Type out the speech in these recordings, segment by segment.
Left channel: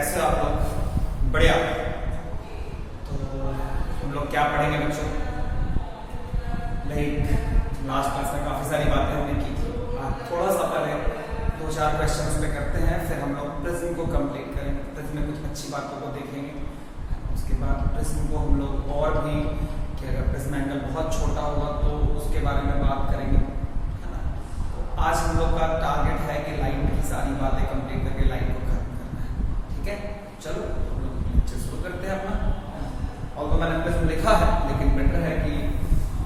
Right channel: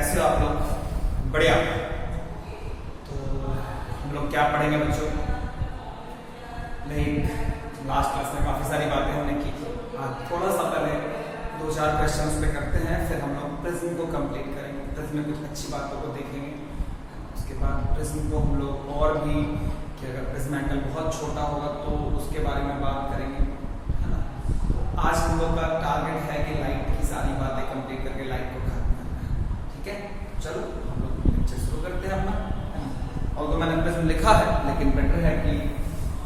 कैसे हो आप लोग? बढ़िया। तो हम लोग क्या पढ़ेंगे बच्चों? लास्ट क्लास में काफ़ी सारी बातें हमने की थी। आज थोड़ा सा पहले 2-4 क्वेश्चंस पे करते हैं, फिर हम लोग प्रिज्म को कंप्लीट करेंगे। प्रिज्म में कुछ अच्छी बातों को देखेंगे। उसके बाद प्रिज्म को हम लोग और भी कि अगर प्रिज्म एंगल बहुत छोटा होगा तो उसके बारे में बात करेंगे, है ना। तो आज हम लोग का टारगेट है कि लाइट की सारी बातें कंप्लीट करके लाइट को खत्म करना है। ठीक है, चलो हम लोग लेक्चर शुरू करते हैं अपना, है ना। और तो मैंने प्रिज्म लिखा है, लेकिन बेटर है कि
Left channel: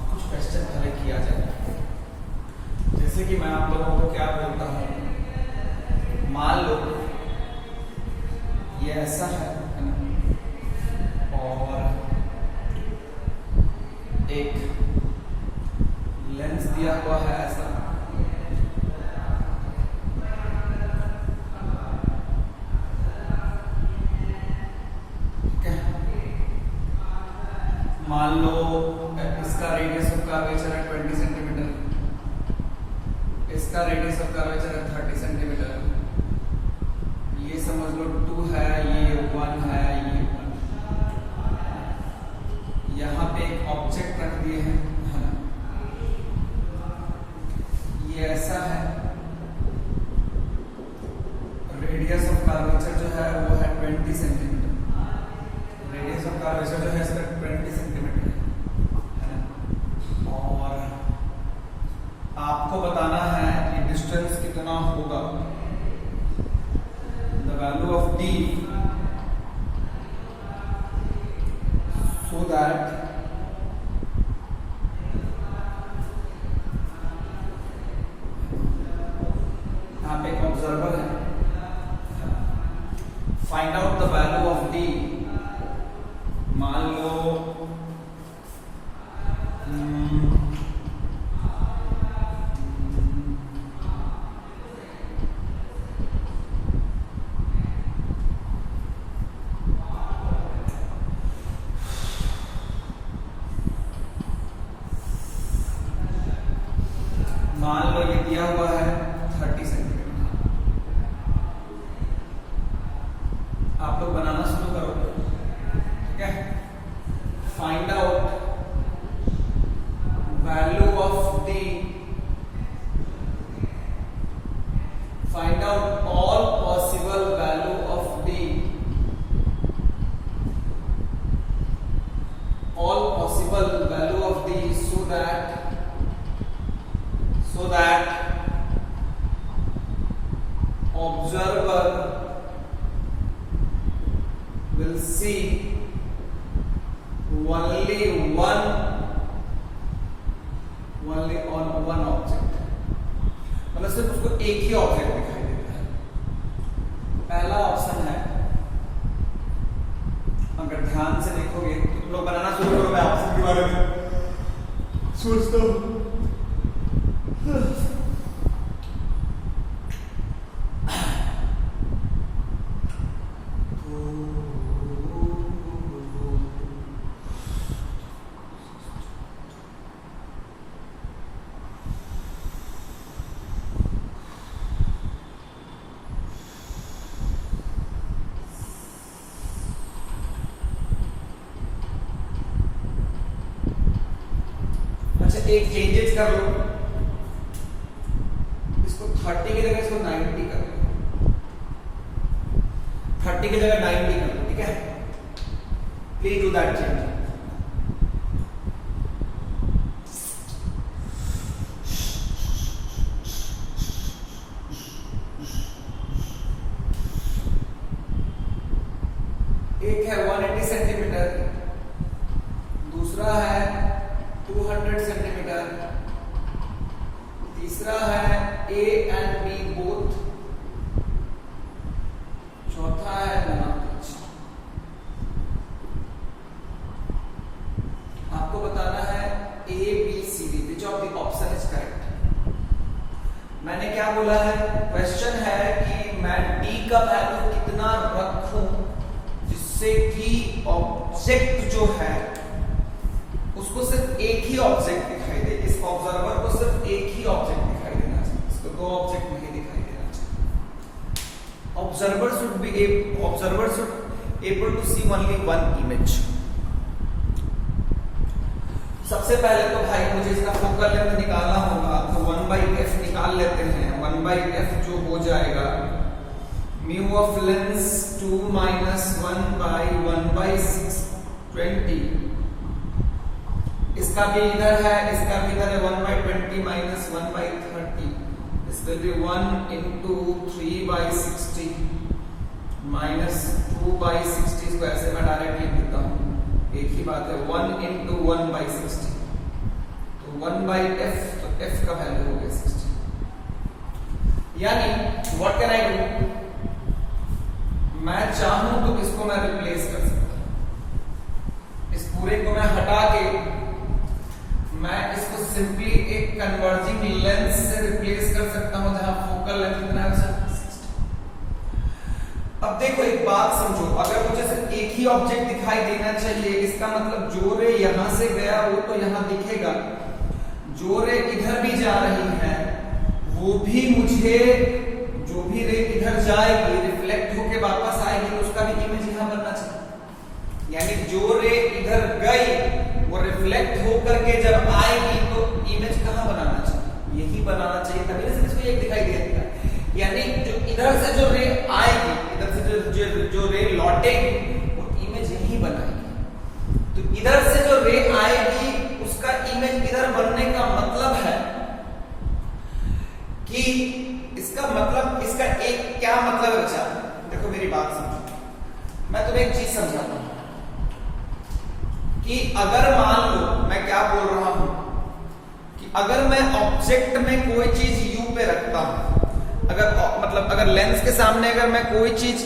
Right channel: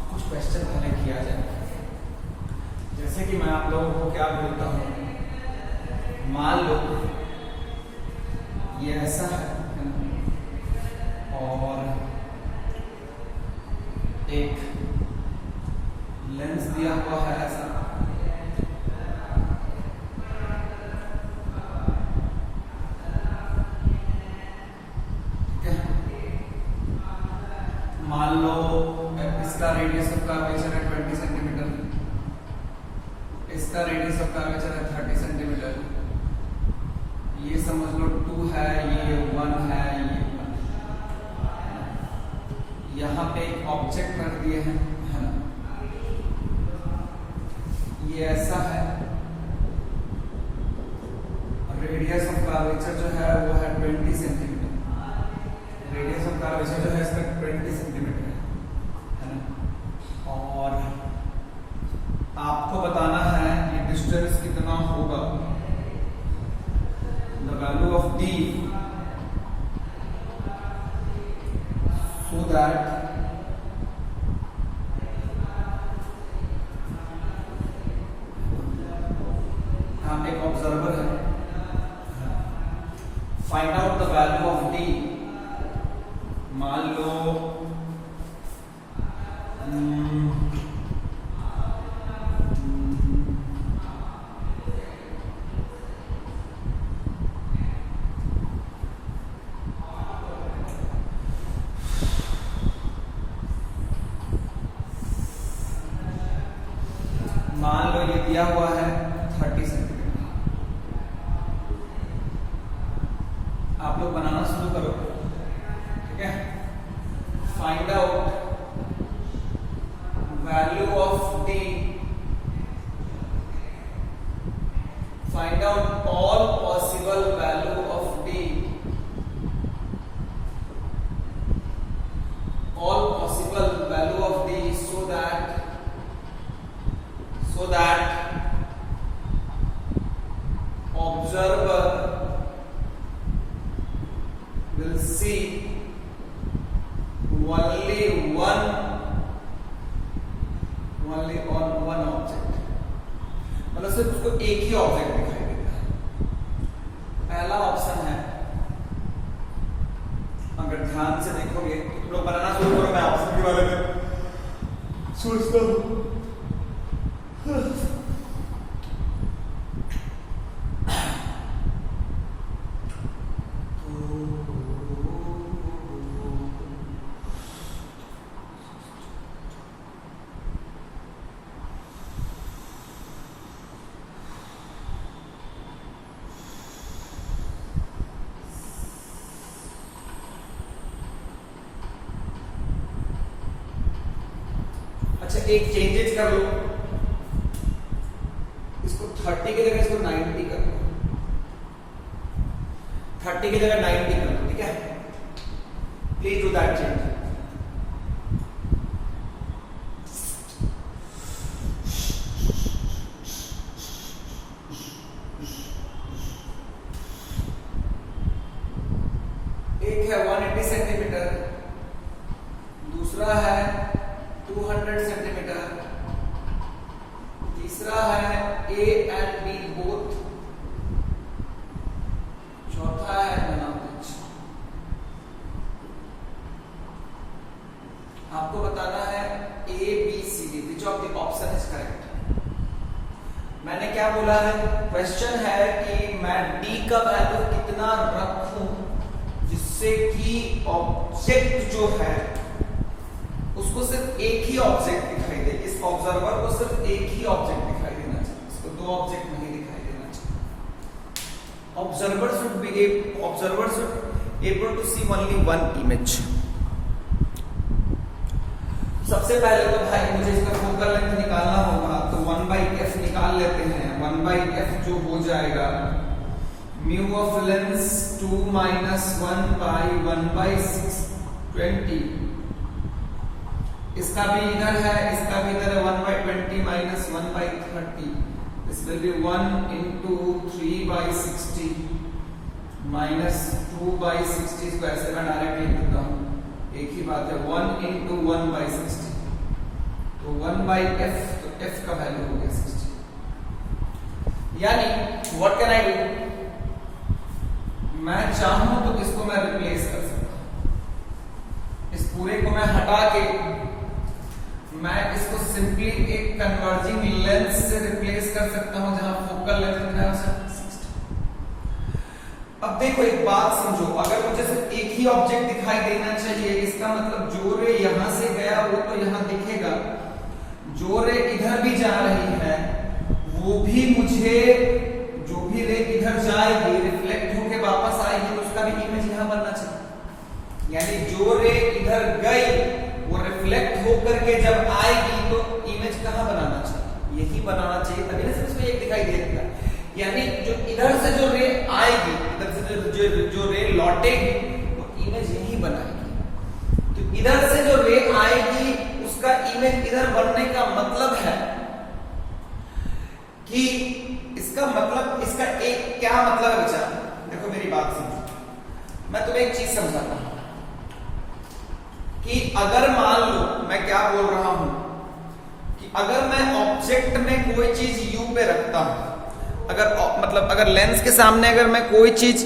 कुछ क्वेश्चन पहले किया जाए। जैसे कि मैं आप लोगों को क्या बोलता हूँ, मान लो ये ऐसा है ना, और एक लेंस दिया हुआ है ऐसा, ठीक है। मान लो इसका रेडियस ऑफ कर्वेचर है 20 सेंटीमीटर, इसका रेडियस ऑफ कर्वेचर है 30 सेंटीमीटर। ये समझ लो 2 है, ये 1 है, ये 1। यहाँ पे एक ऑब्जेक्ट रख दिए हैं, है ना। ये ऐसा है, रेडियस ऑफ कर्वेचर जो है वो है 20 सेंटीमीटर। रेडियस ऑफ कर्वेचर जो है इसका 20 सेंटीमीटर है ना। और आपको बताना है कि डिस्टेंस कितना होगा, the value of d, so that यहाँ पे एक ऑब्जर्वर है, find out the value of d। मान लो ये दिया हुआ है 30 सेंटीमीटर। आप लोग बनाना शुरू करो, ठीक है। Find out value of D, find out all possible value of D, all possible value of D, so that observer will see only on one object। मतलब सिर्फ उसको एक ही ऑब्जेक्ट दिखाई देता है। पहला ऑप्शन है, अगर ध्यान से देखोगे तो तुम लोग बनाना शुरू करो, मैं ऑप्शन के बारे में सोचता हूँ। अच्छा, एक चेंजेस कर लो, इसको 30 की जगह इसको 90 कर लो, 30 की जगह 90 कर लो, ठीक है। Please do that change. एक है 180 सेंटीमीटर, दूसरा है 200 सेंटीमीटर, तीसरा है A and B बोथ, चौथा है नॉन टच। आपको बताना है A, B, C, D, which of the option is correct. मैंने क्या बोला है, क्वेश्चन है कि मैं D का वैल्यू कितना रखूं जिससे कि ऑब्जेक्ट जो है उसको सिर्फ एक ही ऑब्जेक्ट दिखाई दे। इस ऑब्जर्वर को सिर्फ एक ही ऑब्जेक्ट दिखाई देना चाहिए, इसको 2 ऑब्जेक्ट नहीं दिखाई देना चाहिए। observer should able to see only one image. सबसे पहले तो भाई मुझे इसका फोकल लेंथ निकालना होगा, तो 1/f निकाल लेते हैं। 1/f जो हो जाएगा म्यू ऑफ लेंस 2 - 1/1/620। इसका भी इधर है, इसका भी इधर है। 1/20 - 1/30। दिस विल बी 1 × 3/60 - 2/60 स्क्वायर से मैं डायरेक्ट लिख देता हूं, एक ही बात है। 1 × 1/60, तो 1/f, तो f का वैल्यू हो गया 60। यानी व्हाट कैन आई डू, मैं चाहूं तो इसको मैं रिप्लेस कर सकता हूं। इस पूरे को मैं हटा के मैं इसको सिंपली एक कन्वर्जिंग लेंस से रिप्लेस कर सकता हूं, जहां फोकल लेंथ कितना है 60। अब देखो एक बात समझो, अगर मुझे सिर्फ एक ही ऑब्जेक्ट दिखाई देना चाहिए, इसका मतलब जो रे यहां से गया वो तो यहां दिखेगा, जो रे इधर भी जा रही है वो भी मुझे, जो भी रे इधर जाएगी रिफ्लेक्ट होके वापस आएगी, उसका भी इमेज यहां बनना चाहिए। यानी जो रे इधर गई वो रिफ्लेक्ट होकर के जब आएगी तो इमेज कहां बनाना चाहिए, यही बनाना चाहिए, तभी सिर्फ इसको एक दिखाई देगा। यानी जो इधर से जो रे आएगी, इधर से जो रे लौटेगी वो इमेज यही बनाएगी। तो इधर से जो रे आएगी उसका इमेज इधर बनने का मतलब है कि इसका मतलब, इसका एक क्या मतलब है बच्चा, देखो मेरी बात समझो, मैं तुम्हें एक चीज समझाता हूं कि अगर मान लो, मैं क्या बोल रहा हूं कि अगर मैं ऑब्जेक्ट में कोई चीज u पे रखता हूं, अगर लेंस के सामने अगर मैं कोई चीज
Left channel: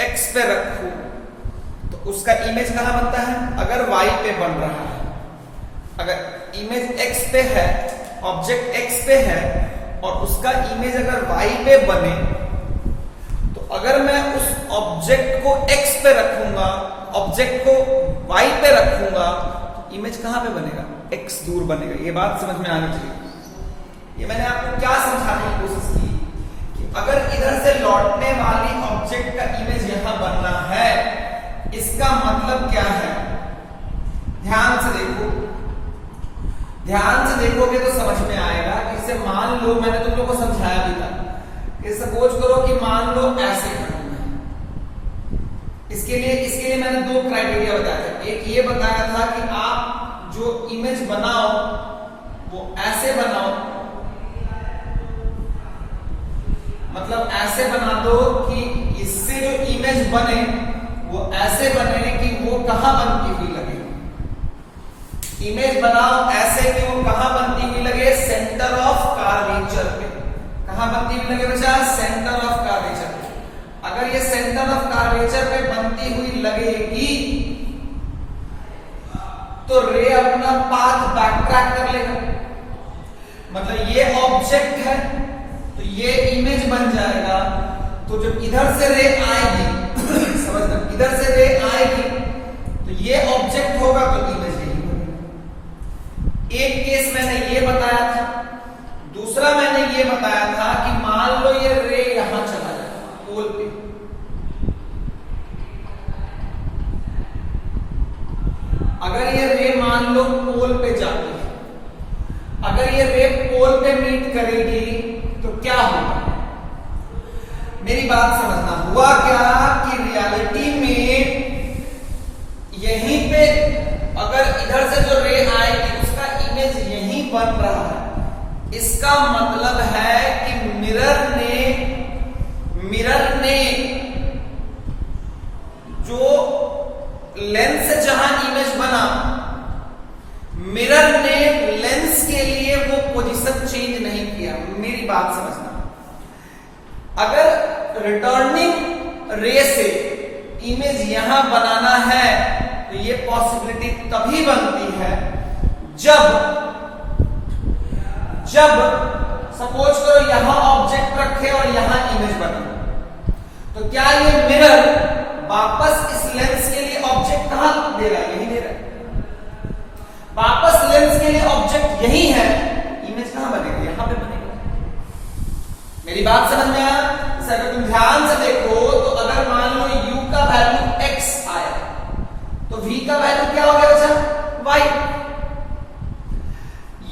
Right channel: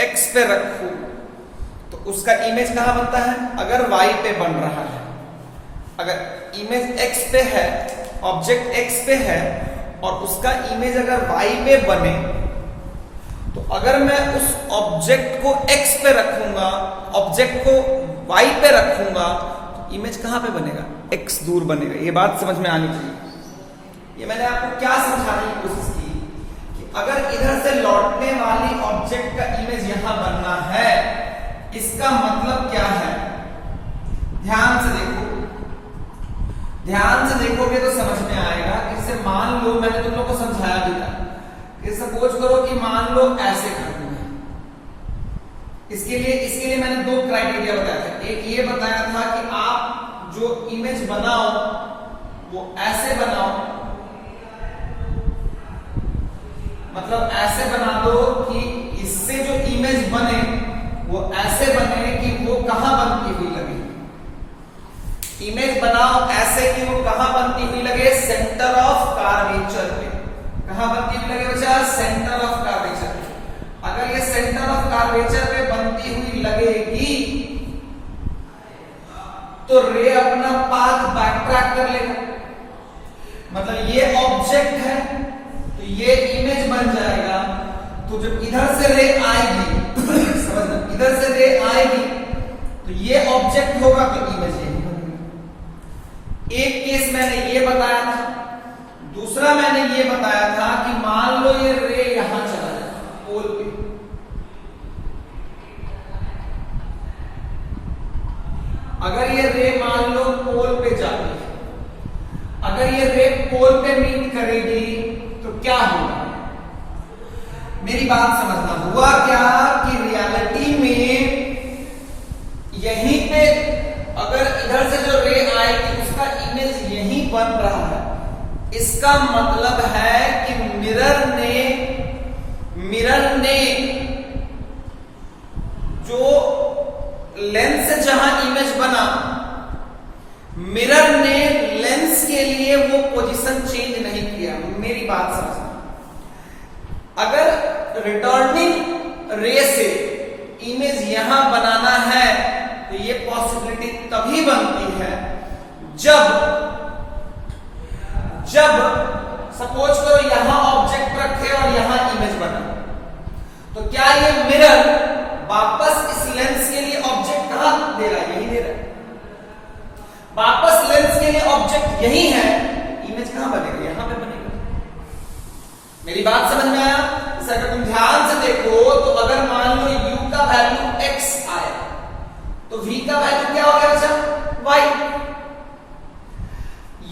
x पे रखूं तो उसका इमेज कहां बनता है, अगर y पे बन रहा है। अगर इमेज x पे है, ऑब्जेक्ट x पे है और उसका इमेज अगर y पे बने, तो अगर मैं उस ऑब्जेक्ट को x पे रखूंगा, ऑब्जेक्ट को y पे रखूंगा, तो इमेज कहां पे बनेगा, x दूर बनेगा। ये बात समझ में आनी चाहिए। ये मैंने आपको क्या समझाने की कोशिश की कि अगर इधर से लौटने वाली ऑब्जेक्ट का इमेज यहां बनना है, इसका मतलब क्या है, ध्यान से देखो, ध्यान से देखोगे तो समझ में आएगा। जैसे मान लो, मैंने तुम लोग को समझाया भी था कि सपोज करो कि मान लो ऐसे करना है, इसके लिए मैंने 2 क्राइटेरिया बताया था। एक ये बताया था कि आप जो इमेज बनाओ वो ऐसे बनाओ, मतलब ऐसे बना दो कि इससे जो इमेज बने वो ऐसे बने कि वो कहां बनती हुई लगे। इमेज बनाओ ऐसे कि वो कहां बनती हुई लगे, सेंटर ऑफ कर्वेचर पे। कहां बनती हुई लगे बच्चा, सेंटर ऑफ कर्वेचर पे। अगर ये सेंटर ऑफ कर्वेचर पे बनती हुई लगेगी तो रे अपना पाथ बैकट्रैक कर लेगा। मतलब ये ऑब्जेक्ट है तो ये इमेज बन जाएगा। तो जब इधर से रे आएगी समझ लो, इधर से रे आएगी तो ये ऑब्जेक्ट होगा तो इमेज यही होगी। एक केस मैंने ये बताया था, दूसरा मैंने ये बताया था कि मान लो ये रे यहां चला जाए पोल पे, अगर ये रे मान लो पोल पे जाती है, अगर ये रे पोल पे मीट करेगी तो क्या होगा, मेरी बात समझना। हुआ क्या कि रियलिटी में यहीं पे अगर इधर से जो रे आएगी उसका इमेज यहीं बन रहा है। इसका मतलब है कि मिरर ने जो लेंस से जहां इमेज बना, मिरर ने लेंस के लिए वो पोजीशन चेंज नहीं किया। मेरी बात समझना, अगर रिटर्निंग रे से इमेज यहां बनाना है तो ये पॉसिबिलिटी तभी बनती है जब सपोज करो यहां ऑब्जेक्ट रखे और यहां इमेज बने, तो क्या ये मिरर वापस इस लेंस के लिए ऑब्जेक्ट कहां देगा, यही दे रहा है। वापस लेंस के लिए ऑब्जेक्ट यही है, इमेज कहां बनेगा, यहां पे बनेगा। मेरी बात समझ में आया? अगर तुम ध्यान से देखो का वैल्यू क्या हो गया बच्चा? y।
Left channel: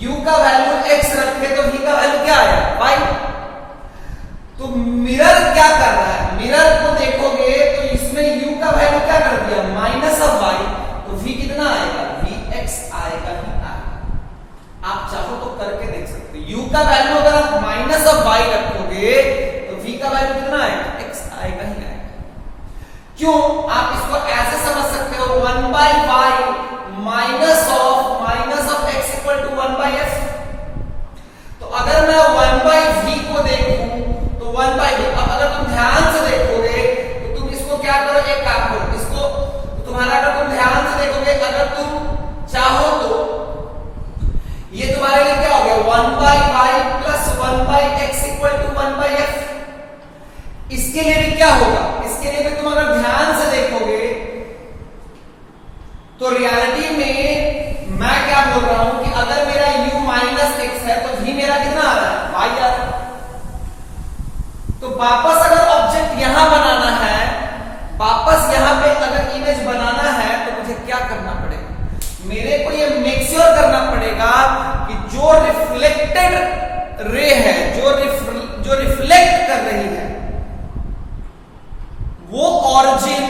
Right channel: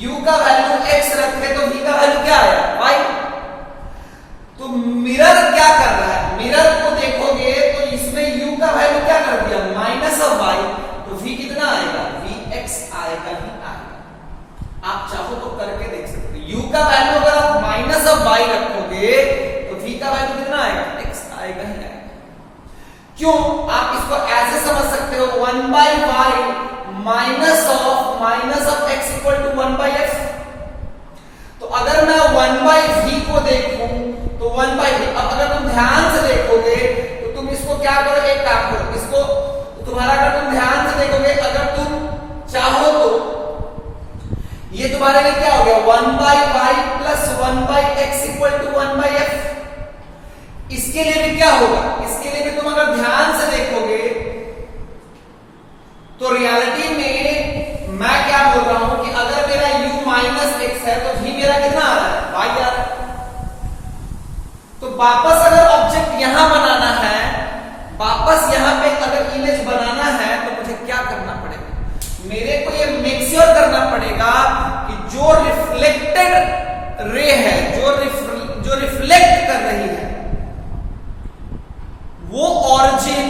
u का वैल्यू x रखे तो v का वैल्यू क्या आया? y। तो मिरर क्या कर रहा है? मिरर को देखोगे तो इसमें u का वैल्यू क्या कर दिया? Minus of y। तो v कितना आएगा? vx आएगा ही आएगा। आप चाहो तो करके देख सकते हो। u का वैल्यू अगर आप माइनस ऑफ y रखोगे तो v का वैल्यू कितना आएगा? x आएगा ही आएगा। क्यों? आप इसको ऐसे समझ सकते हो 1/y minus of x equal to 1/f। तो अगर मैं 1/v को देखूं तो 1/v, अब अगर तुम ध्यान से देखोगे तो तुम इसको क्या करो, एक काम करो इसको, तो तुम्हारा अगर तुम ध्यान से देखोगे, अगर तुम चाहो तो ये तुम्हारे लिए क्या हो गया? 1/y plus 1/x equal to 1/f। इसके लिए भी क्या होगा? इसके लिए भी तुम अगर ध्यान से देखोगे तो रियलिटी में मैं क्या बोल रहा हूं कि अगर मेरा u माइनस x है तो v मेरा कितना आ रहा है? y आ रहा है। तो वापस अगर ऑब्जेक्ट यहां बनाना है, वापस यहां पे अगर इमेज बनाना है तो मुझे क्या करना पड़ेगा? मेरे को ये मेक श्योर करना पड़ेगा कि जो रिफ्लेक्टेड रे है, जो रिफ्लेक्ट कर रही है, वो ऑरिजिन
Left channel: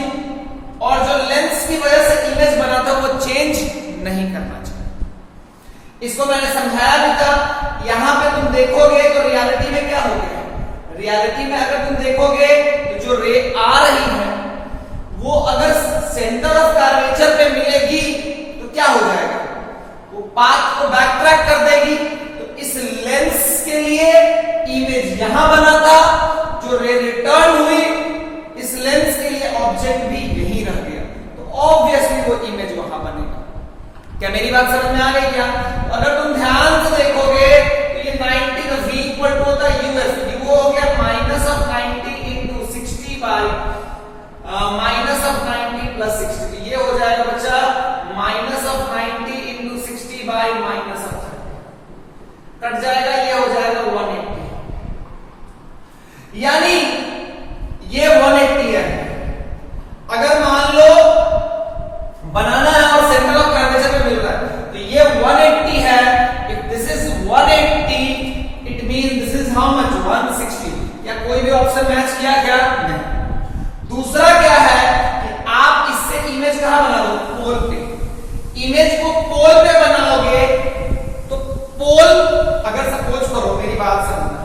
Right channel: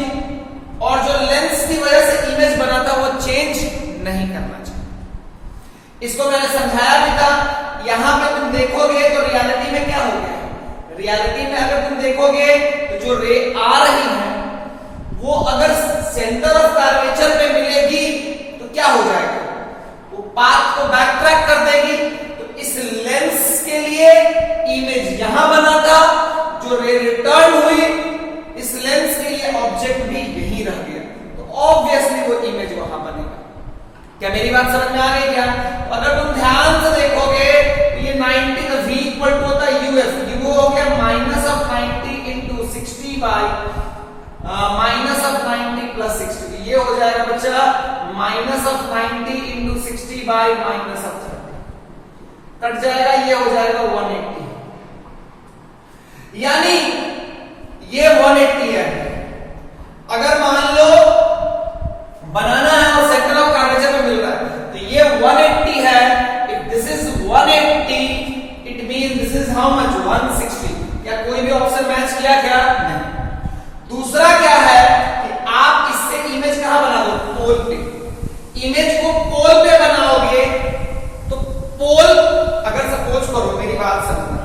और जो लेंस की वजह से इमेज बनाता वो चेंज नहीं करना चाहिए। इसको मैंने समझाया भी था। यहां पे तुम देखोगे तो रियलिटी में क्या हो गया? रियलिटी में अगर तुम देखोगे तो जो रे आ रही है वो अगर सेंटर ऑफ कर्वेचर पे मिलेगी तो क्या हो जाएगा? वो पाथ को बैक ट्रैक कर देगी। तो इस लेंस के लिए इमेज यहां बना था, जो रे रिटर्न हुई इस लेंस के लिए ऑब्जेक्ट भी यहीं रह गया, तो ऑब्वियसली वो इमेज वहां बनेगा। क्या मेरी बात समझ में आ गई क्या? अगर तुम ध्यान से देखोगे तो ये 90 का v इक्वल टू होता है uf, वो हो गया minus of 90 into 60 by minus of 90 plus 60। तो ये हो जाएगा बच्चा minus of 90 into 60 by minus of 30, cut जाएगा, ये हो जाएगा 180। यानी ये 180 है। अगर मान लो बनाना है और सेंटर ऑफ कर्वेचर में मिल रहा है तो ये 180 है। If this is 180 it mean this is how much? 160। या कोई भी ऑप्शन मैच किया क्या? नहीं। दूसरा क्या है कि आप इससे इमेज कहां बना दो? पोल पे। इमेज को पोल पे बनाओगे तो पोल, अगर सपोज करो, मेरी बात समझना,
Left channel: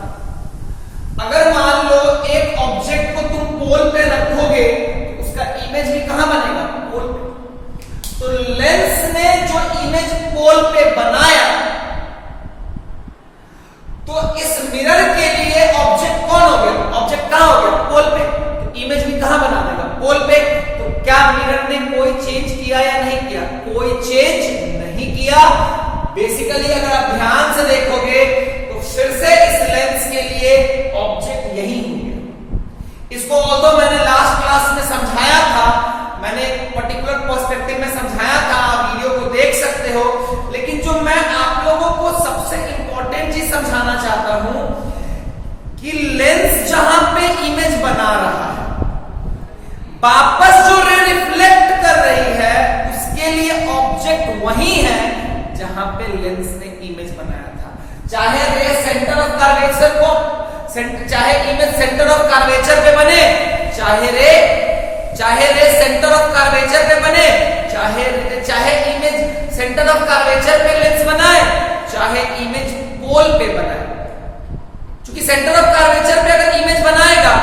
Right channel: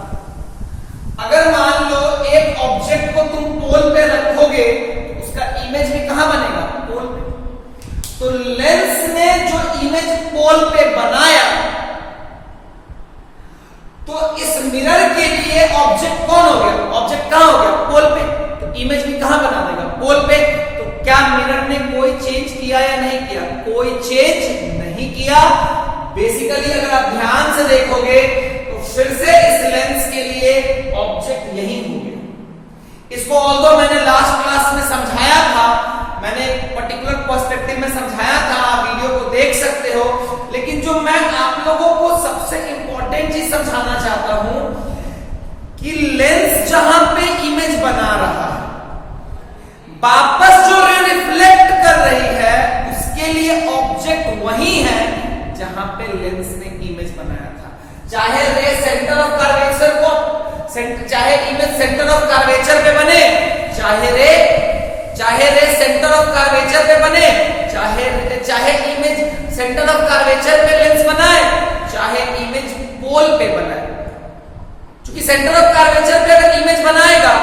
अगर मान लो एक ऑब्जेक्ट को तुम पोल पे रखोगे तो उसका इमेज भी कहां बनेगा? पोल पे। तो लेंस ने जो इमेज पोल पे बनाया तो इस मिरर के लिए ऑब्जेक्ट कौन हो गया? ऑब्जेक्ट कहां हो गया? पोल पे। तो इमेज भी कहां बना देगा? पोल पे। तो क्या मिरर ने कोई चेंज किया या नहीं किया? कोई चेंज नहीं किया। बेसिकली अगर आप ध्यान से देखोगे तो फिर से इस लेंस के लिए ऑब्जेक्ट यही हो गया। इसको ऑल्दो मैंने लास्ट क्लास में समझाया था, मैंने एक पर्टिकुलर पर्सपेक्टिव में समझाया था, आप वीडियो को देख सकते हो। लेकिन जो मैं आप लोगों को सबसे इंपॉर्टेंट चीज समझाना चाहता हूं कि लेंस जहां पे इमेज बना रहा है, वापस जो रे रिफ्लेक्ट कर रही है उसके लिए ऑब्जेक्ट वही है जहां पे लेंस ने इमेज बनाया था। चाहे रे सेंटर ऑफ कर्वेचर को, चाहे इमेज सेंटर ऑफ कर्वेचर पे बने, चाहे रे सेंटर ऑफ कर्वेचर पे बने, चाहे इमेज सेंटर ऑफ कर्वेचर पे लेंस बनाए, चाहे इमेज पोल पे बनाए। क्योंकि सेंटर ऑफ कर्वेचर पे अगर इमेज बनाएगा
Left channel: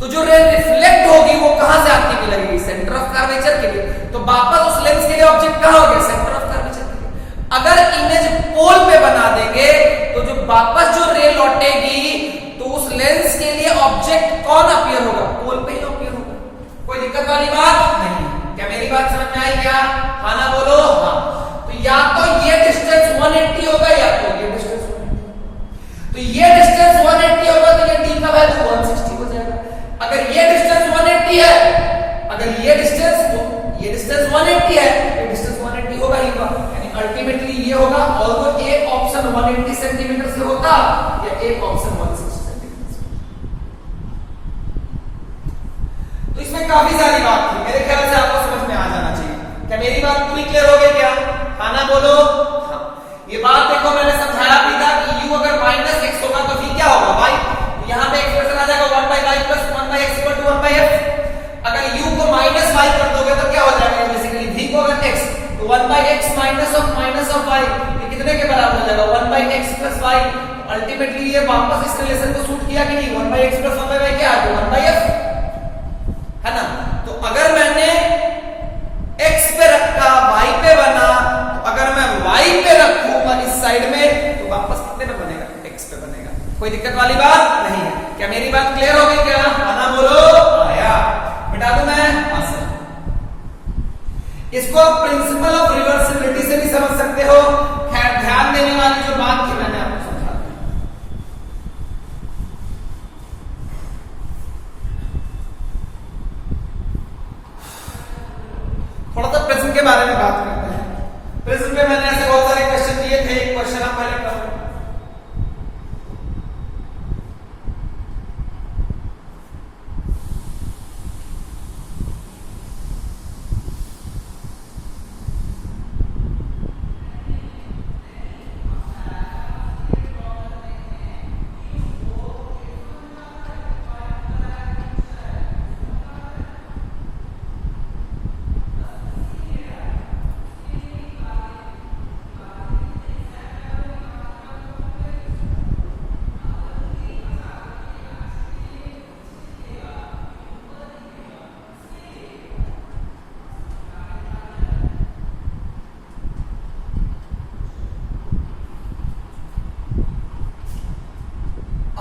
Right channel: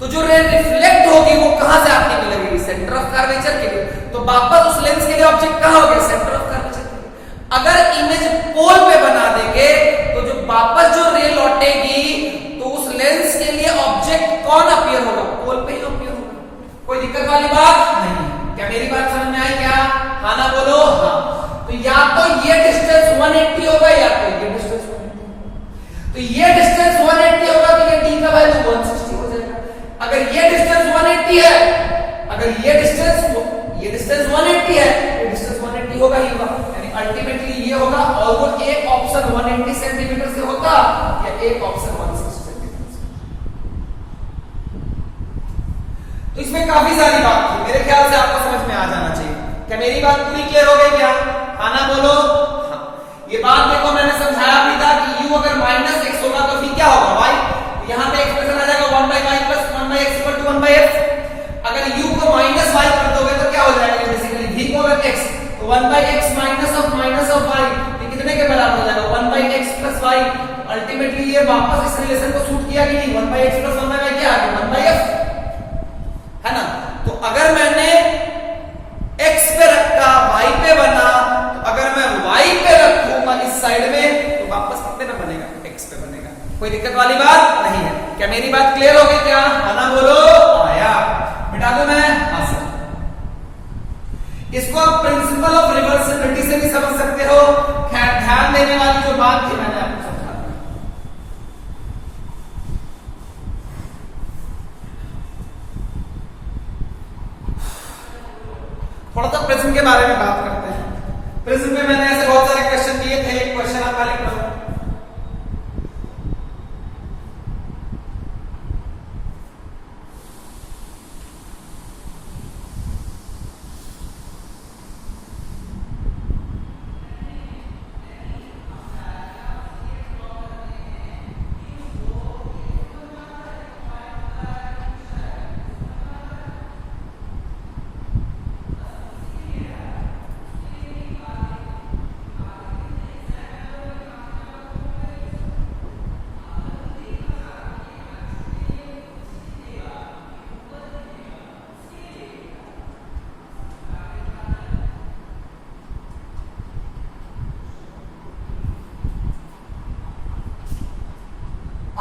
तो जो रे रिफ्लेक्ट होगी वो कहां से आती हुई लगेगी? सेंटर ऑफ कर्वेचर के लिए। तो वापस उस लेंस के लिए ऑब्जेक्ट कहां हो गया? सेंटर ऑफ कर्वेचर के लिए। अगर इमेज पोल पे बना देंगे तो जो वापस जो रे लौटेगी तो उस लेंस के लिए ऑब्जेक्ट कौन अपीयर होगा? पोल पे ही अपीयर होगा। कोई दिक्कत वाली बात नहीं। क्या मेरी बात समझ में आई क्या? हाँ ना बोलो? हाँ। तो या तो ये डिस्टेंस 180 होगा या तो ये डिस्टेंस 180। तो ये डिस्टेंस 180 होगा तो ये d का वैल्यू 160 हो जाएगा। अगर ये डिस्टेंस 180 है, अगर ये डिस्टेंस 180 है, ये डिस्टेंस 180 होगा ही होगा। यानी अल्टीमेटली ये होगा, और वो एक ऑप्शन 180 सेंटीमीटर से होता या एक ऑप्शन 160 सेंटीमीटर से। तो इसमें काफी सारी बात थी, मेरे ख्याल से आपको समझ में आ जाना चाहिए। क्या मेरी बात पूरी क्लियर हो गई क्या? हाँ ना बोलो। हाँ, ये बात देखो मैंने समझाया भी था कि u अगर माइनस एक्स होगा तो फिर क्या होगा y, यहाँ पे एक्सप्रेशन आ जाएगा 1/y plus 1/x equal to 1/f। अगर u को माइनस y कर दोगे तो क्या हो जाएगा? बेसिकली v को अगर x तो 1/x माइनस ऑफ y, ये कितने के बराबर हो जाएगा? 1/x plus y। अल्टीमेटली ये वापस इस रिलेशन को सूट किया कि नहीं? 1/x प्लस 1/y क्या आ गया? 1/f, है ना? तो अगर मैंने x पे रखा, y पे बना, तो अगर मैं y पे रखूंगा इस साइड में तो वापस कितने पे बनेगा? x पे बनेगा। कोई दिक्कत वाली बात नहीं है। क्या मेरी बात क्लियर हो गई क्या? आना बोलो। आया। मिटा दूं मैं? हाँ सर। इसको आप प्रिंसिपल ऑफ रिवर्सिबिलिटी से भी समझ सकते हो। खैर ध्यान देने वाली जो बात थी मैंने आपको समझा दी। थोड़ा सा प्रिज्म के बारे में बात करते हैं। प्रिज्म पे मैंने ऐसे बहुत सारे क्वेश्चन दिए थे। एक क्वेश्चन आप पहले पढ़ो।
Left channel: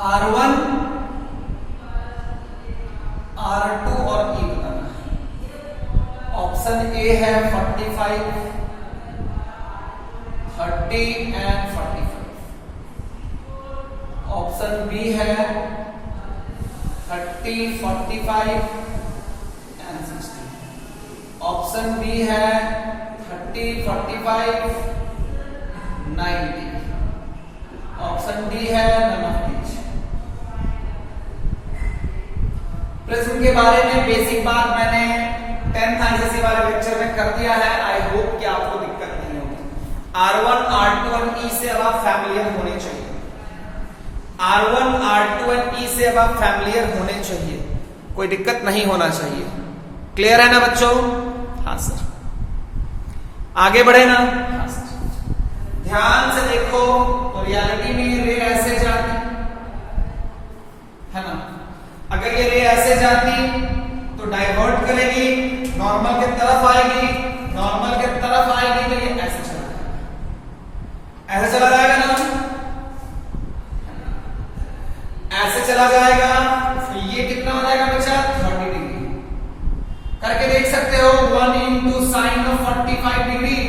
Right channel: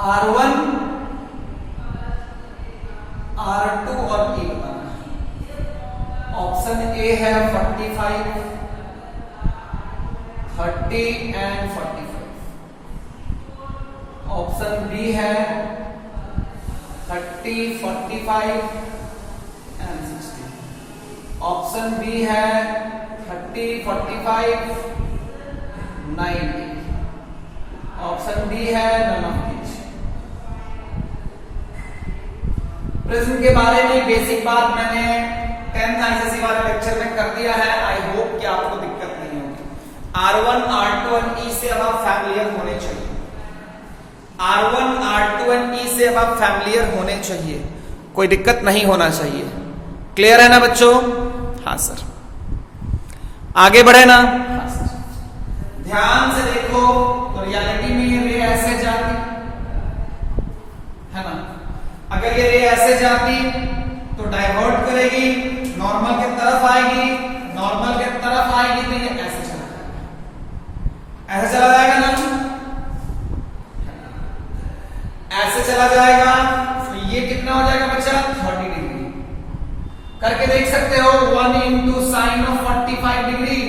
R1, R2 और E बताना है। ऑप्शन ए है 45, 30 एंड 45। ऑप्शन बी है 30, 45 एंड 60। ऑप्शन बी है 30, 45, 90। ऑप्शन डी है नन ऑफ दीज। प्रिज्म के बारे में बेसिक बात मैंने 10th आईसीएसई वाले लेक्चर में कर दिया है। आई होप कि आपको दिक्कत नहीं होगी। R1, R2 और E से अब आप फैमिलियर होने चाहिए। R1, R2 और E से अब आप फैमिलियर होने चाहिए। कोई दिक्कत नहीं होना चाहिए। क्लियर है ना बच्चों? हाँ सर। आगे बढ़े ना? हाँ सर। ध्यान से देखो तो रियलिटी में ये रे ऐसे जाती है ना। अगर ये रे ऐसे जाती तो डाइवर्ट करेगी, नॉर्मल की तरफ आएगी, नॉर्मल की तरफ आएगी तो ये ऐसे चला जाएगा। ऐसे चला जाएगा ना? ऐसे चला जाएगा तो ये कितना हो जाएगा बच्चा? 30 डिग्री। करके देख सकते हो। 1 into sine of 45 degree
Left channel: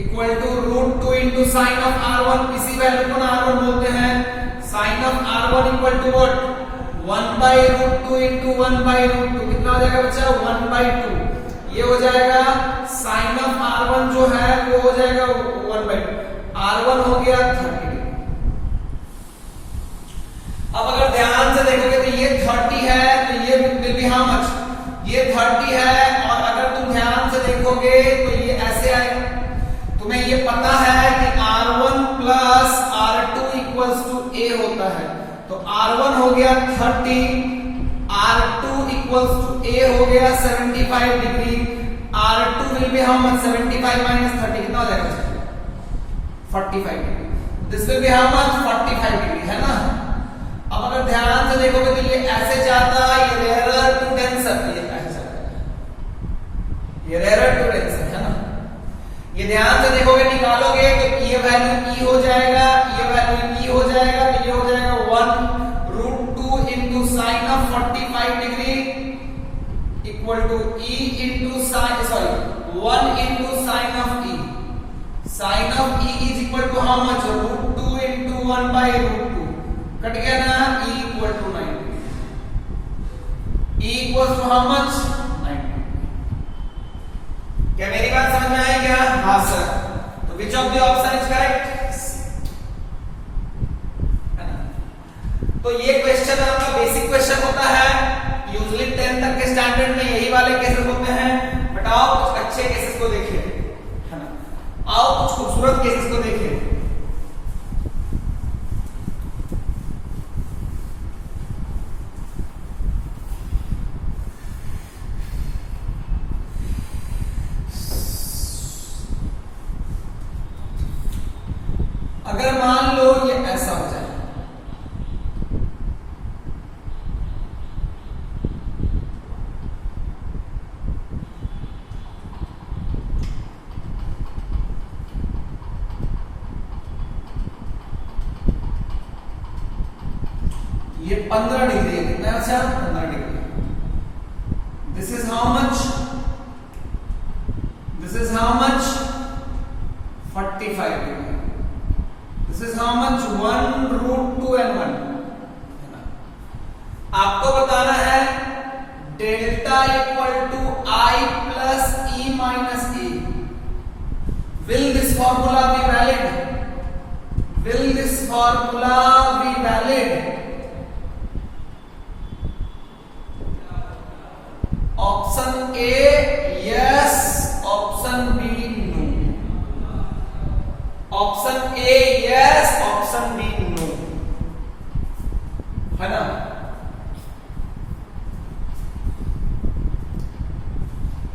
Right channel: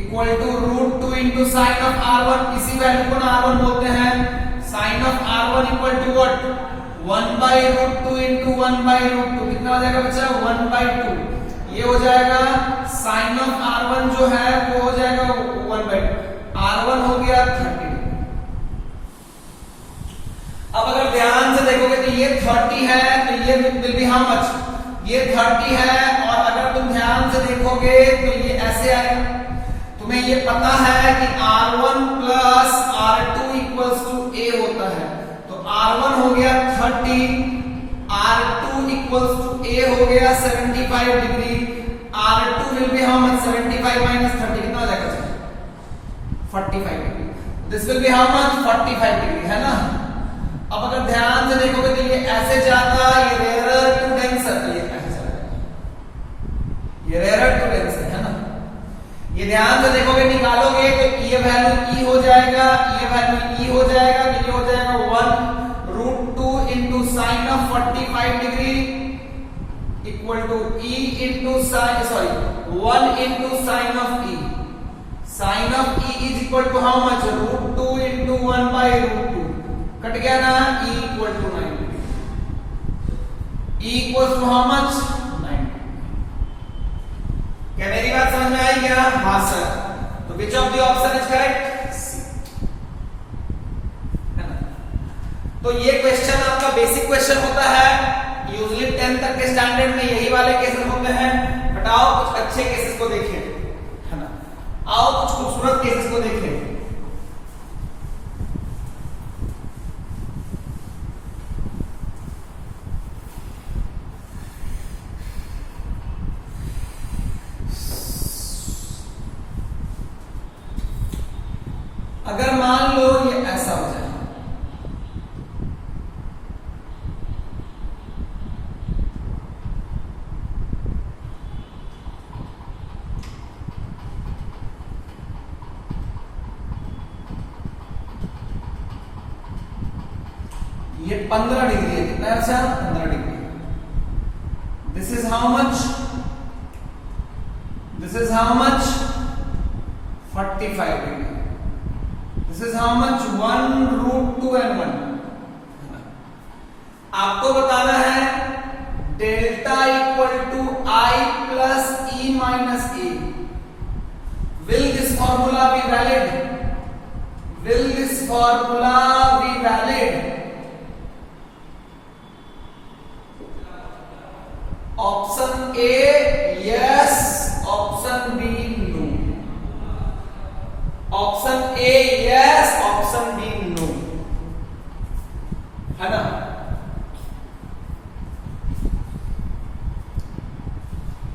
equal to √2 into sine of R1। इसी वैल्यू को R1 बोलते हैं। Sine of R1 equal to what? 1/√2 into 1/√2। कितना हो जाएगा बच्चा? 1/2। ये हो जाएगा साइन ऑफ R1 जो है वो हो जाएगा 1/2। R1 हो गया 30। अब अगर ध्यान से देखोगे तो ये 30 है तो ये विल बी हाउ मच? ये 30 है। और अगर तुम ध्यान से देखोगे तो ये ऐसे आएगा। तुम्हें ये पता है कि R1 plus R2 equals to A होता है। तो R1 हो गया 30, R2 इक्वल्स टू A हो गया 75 degree. R2 will be how much? 75 minus 30 कितना हो जाएगा? 45 degree. This will be how much? 45 degree, है ना। अब अगर ध्यान से देखोगे तो ये ऐसे जाता, ये रेयर टू डेंसर, ये ऐसे चला, ये रेयर टू डेंसर, है ना। ये ध्यान से देखोगे निकालोगे तो ये वैल्यू E हो जाएगा, ये वैल्यू E हो जाएगा तो ये हो जाएगा 1√2 into sine of 45 degree equal to E into sine, sorry 1 into sine of E। Sine of E is equal to how much? √2 into 1/√2। Cut गया ना? E equal to 90। E equal to how much? 90। क्या मेरी बात समझ में आई क्या? हाँ sir. तो which of the option is correct? है ना। तो ये क्वेश्चन आपका बेसिक क्वेश्चन होता है। यूजुअली 10 तक के स्टैंडर्ड में यही वाले केसेस होते हैं, बट आओ कुछ अच्छे केसेस को देखिए, है ना, आओ कुछ खूबसूरत केसेस को देखिए। अगर मान लो ये ऐसा हो जाए, ये 15 डिग्री है, कितना अच्छा 15 degree. This is how much, this is how much 45 degree. This is how much 1√2 and 1। आपको बताना है delta equal to I plus E minus E। Will this formula be valid? Will this formula be valid? Option A yes, option B no। Option A yes, option B no, है ना।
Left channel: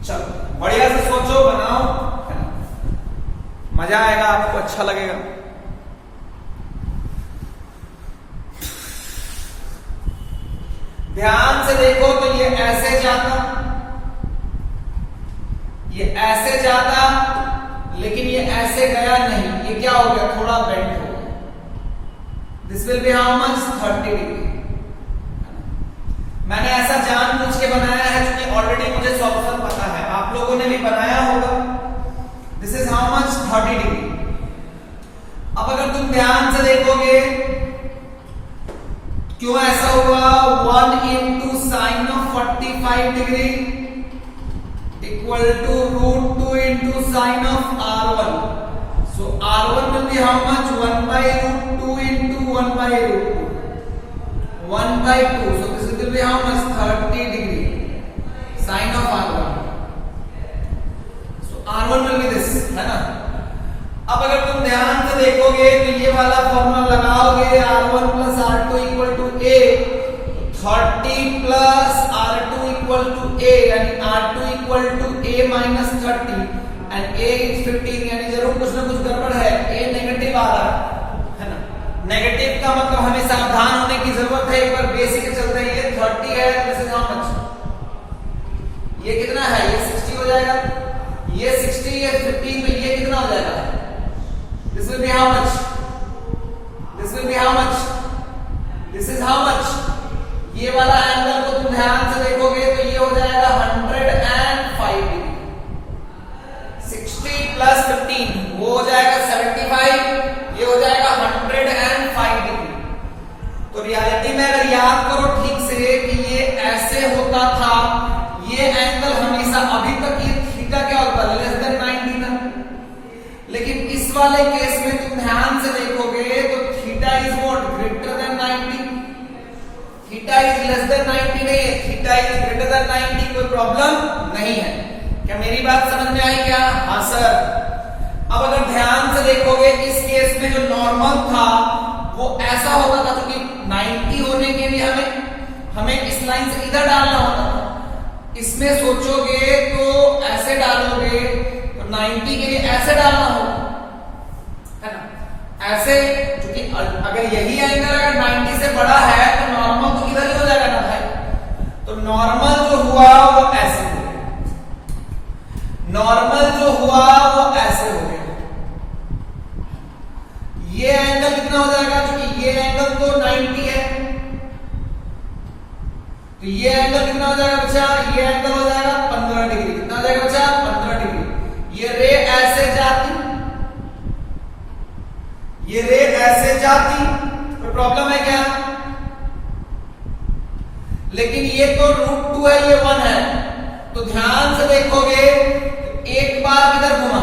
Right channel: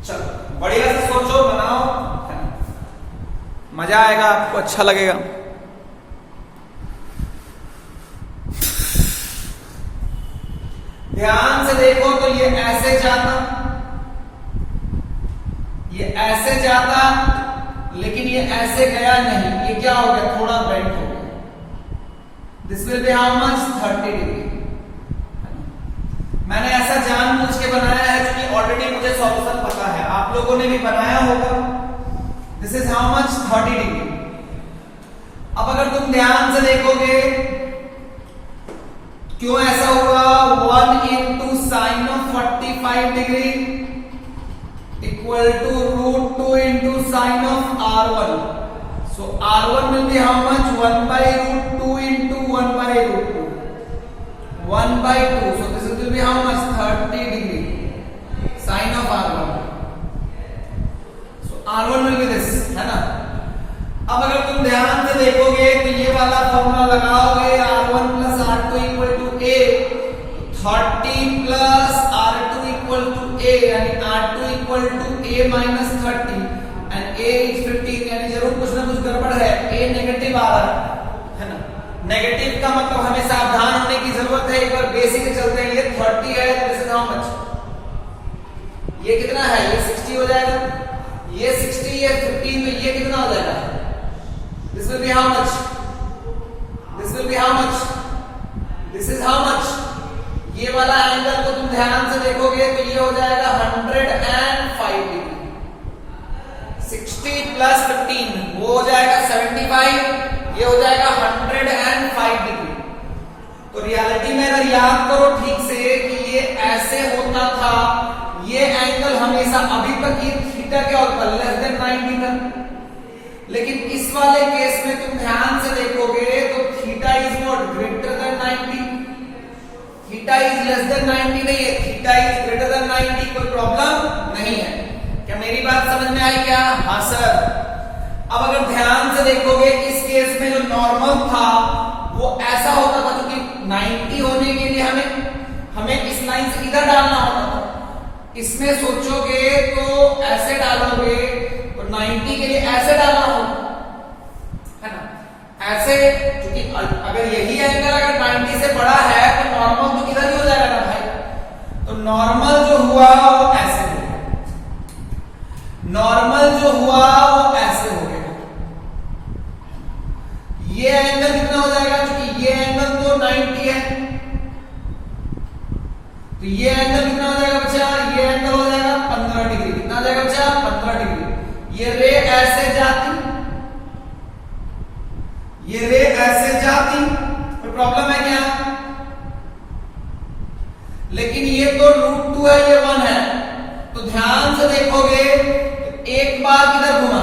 चलो बढ़िया से सोचो, बनाओ, है ना, मजा आएगा, आपको अच्छा लगेगा। ध्यान से देखो तो ये ऐसे जाता, ये ऐसे जाता, लेकिन ये ऐसे गया नहीं, ये क्या हो गया, थोड़ा बेंड हो गया। This will be how much 30 degree. मैंने ऐसा जानबूझ के बनाया है क्योंकि ऑलरेडी मुझे सॉल्यूशन पता है, आप लोगों ने भी बनाया होगा। This is how much 30 degree. अब अगर तुम ध्यान से देखोगे क्यों ऐसा हुआ, 1 into sin of 45 degree equal to √2 into sin of R1. So R1 will be how much, 1 by √2 into 1 by √2, 1 by 2. So this will be how much, 30 degree sin of R1. So R1 will be this, है ना। अब अगर तुम ध्यान से देखोगे तो ये वाला फॉर्मूला लगाओगे, R1 plus R2 equal to A, 30 plus R2 equal to A, यानी R2 equal to A minus 30 and A is 15, यानी जरूर कुछ ना कुछ गड़बड़ है, A नेगेटिव आ रहा है ना। नेगेटिव का मतलब हमें सावधान होने की जरूरत है, एक बार बेसिक चलते हैं। ये 30 है, दिस इज हाउ मच, ये कितना है, ये 60 हो जाएगा, ये 60, ये 15, तो ये कितना हो जाएगा, this will be how much, this will be how much, this is how much. ये वाला एंगल को तुम ध्यान से देखोगे तो ये हो जाएगा 105 डिग्री। 60 प्लस 15 वो हो जाएगा 75, ये हो जाएगा 105 डिग्री। तो रियलिटी में अगर याद करो ठीक से कि ये ऐसे होता था, ये एंगल हमेशा अभी तक ये थीटा क्या होता है, लेस देन 90 था। लेकिन इस वाले केस में तुम ध्यान से देखोगे तो theta is what, greater than 90। Theta is less then 90 नहीं है, थीटा इज ग्रेटर देन 90, कोई प्रॉब्लम नहीं है। क्या मेरी बात समझ में आई क्या? हाँ सर। अब अगर ध्यान से देखोगे इस केस में जो नॉर्मल था वो ऐसा होता था, क्योंकि 90 होने के लिए हमें इस लाइन से इधर डालना होता था। इसमें सोचोगे तो ऐसे डालोगे तो 90 के लिए ऐसे डालना होगा, है ना, ऐसे। क्योंकि अगर यही एंगल अगर 90 से बड़ा है तो नॉर्मल तो इधर ही हो जाएगा ना भाई। तो नॉर्मल जो हुआ वो ऐसे हो गया, नॉर्मल जो हुआ वो ऐसे हो गया। ये एंगल कितना हो जाएगा, क्योंकि ये एंगल तो 90 है, तो ये एंगल कितना हो जाएगा बच्चा, ये एंगल हो जाएगा 15 डिग्री। कितना हो जाएगा बच्चा, 15 डिग्री। ये रे ऐसे जाती, ये रे ऐसे जाती, कोई प्रॉब्लम है क्या? लेकिन ये तो √2 है, ये 1 है, तो ध्यान से देखोगे तो एक बार किधर घुमा,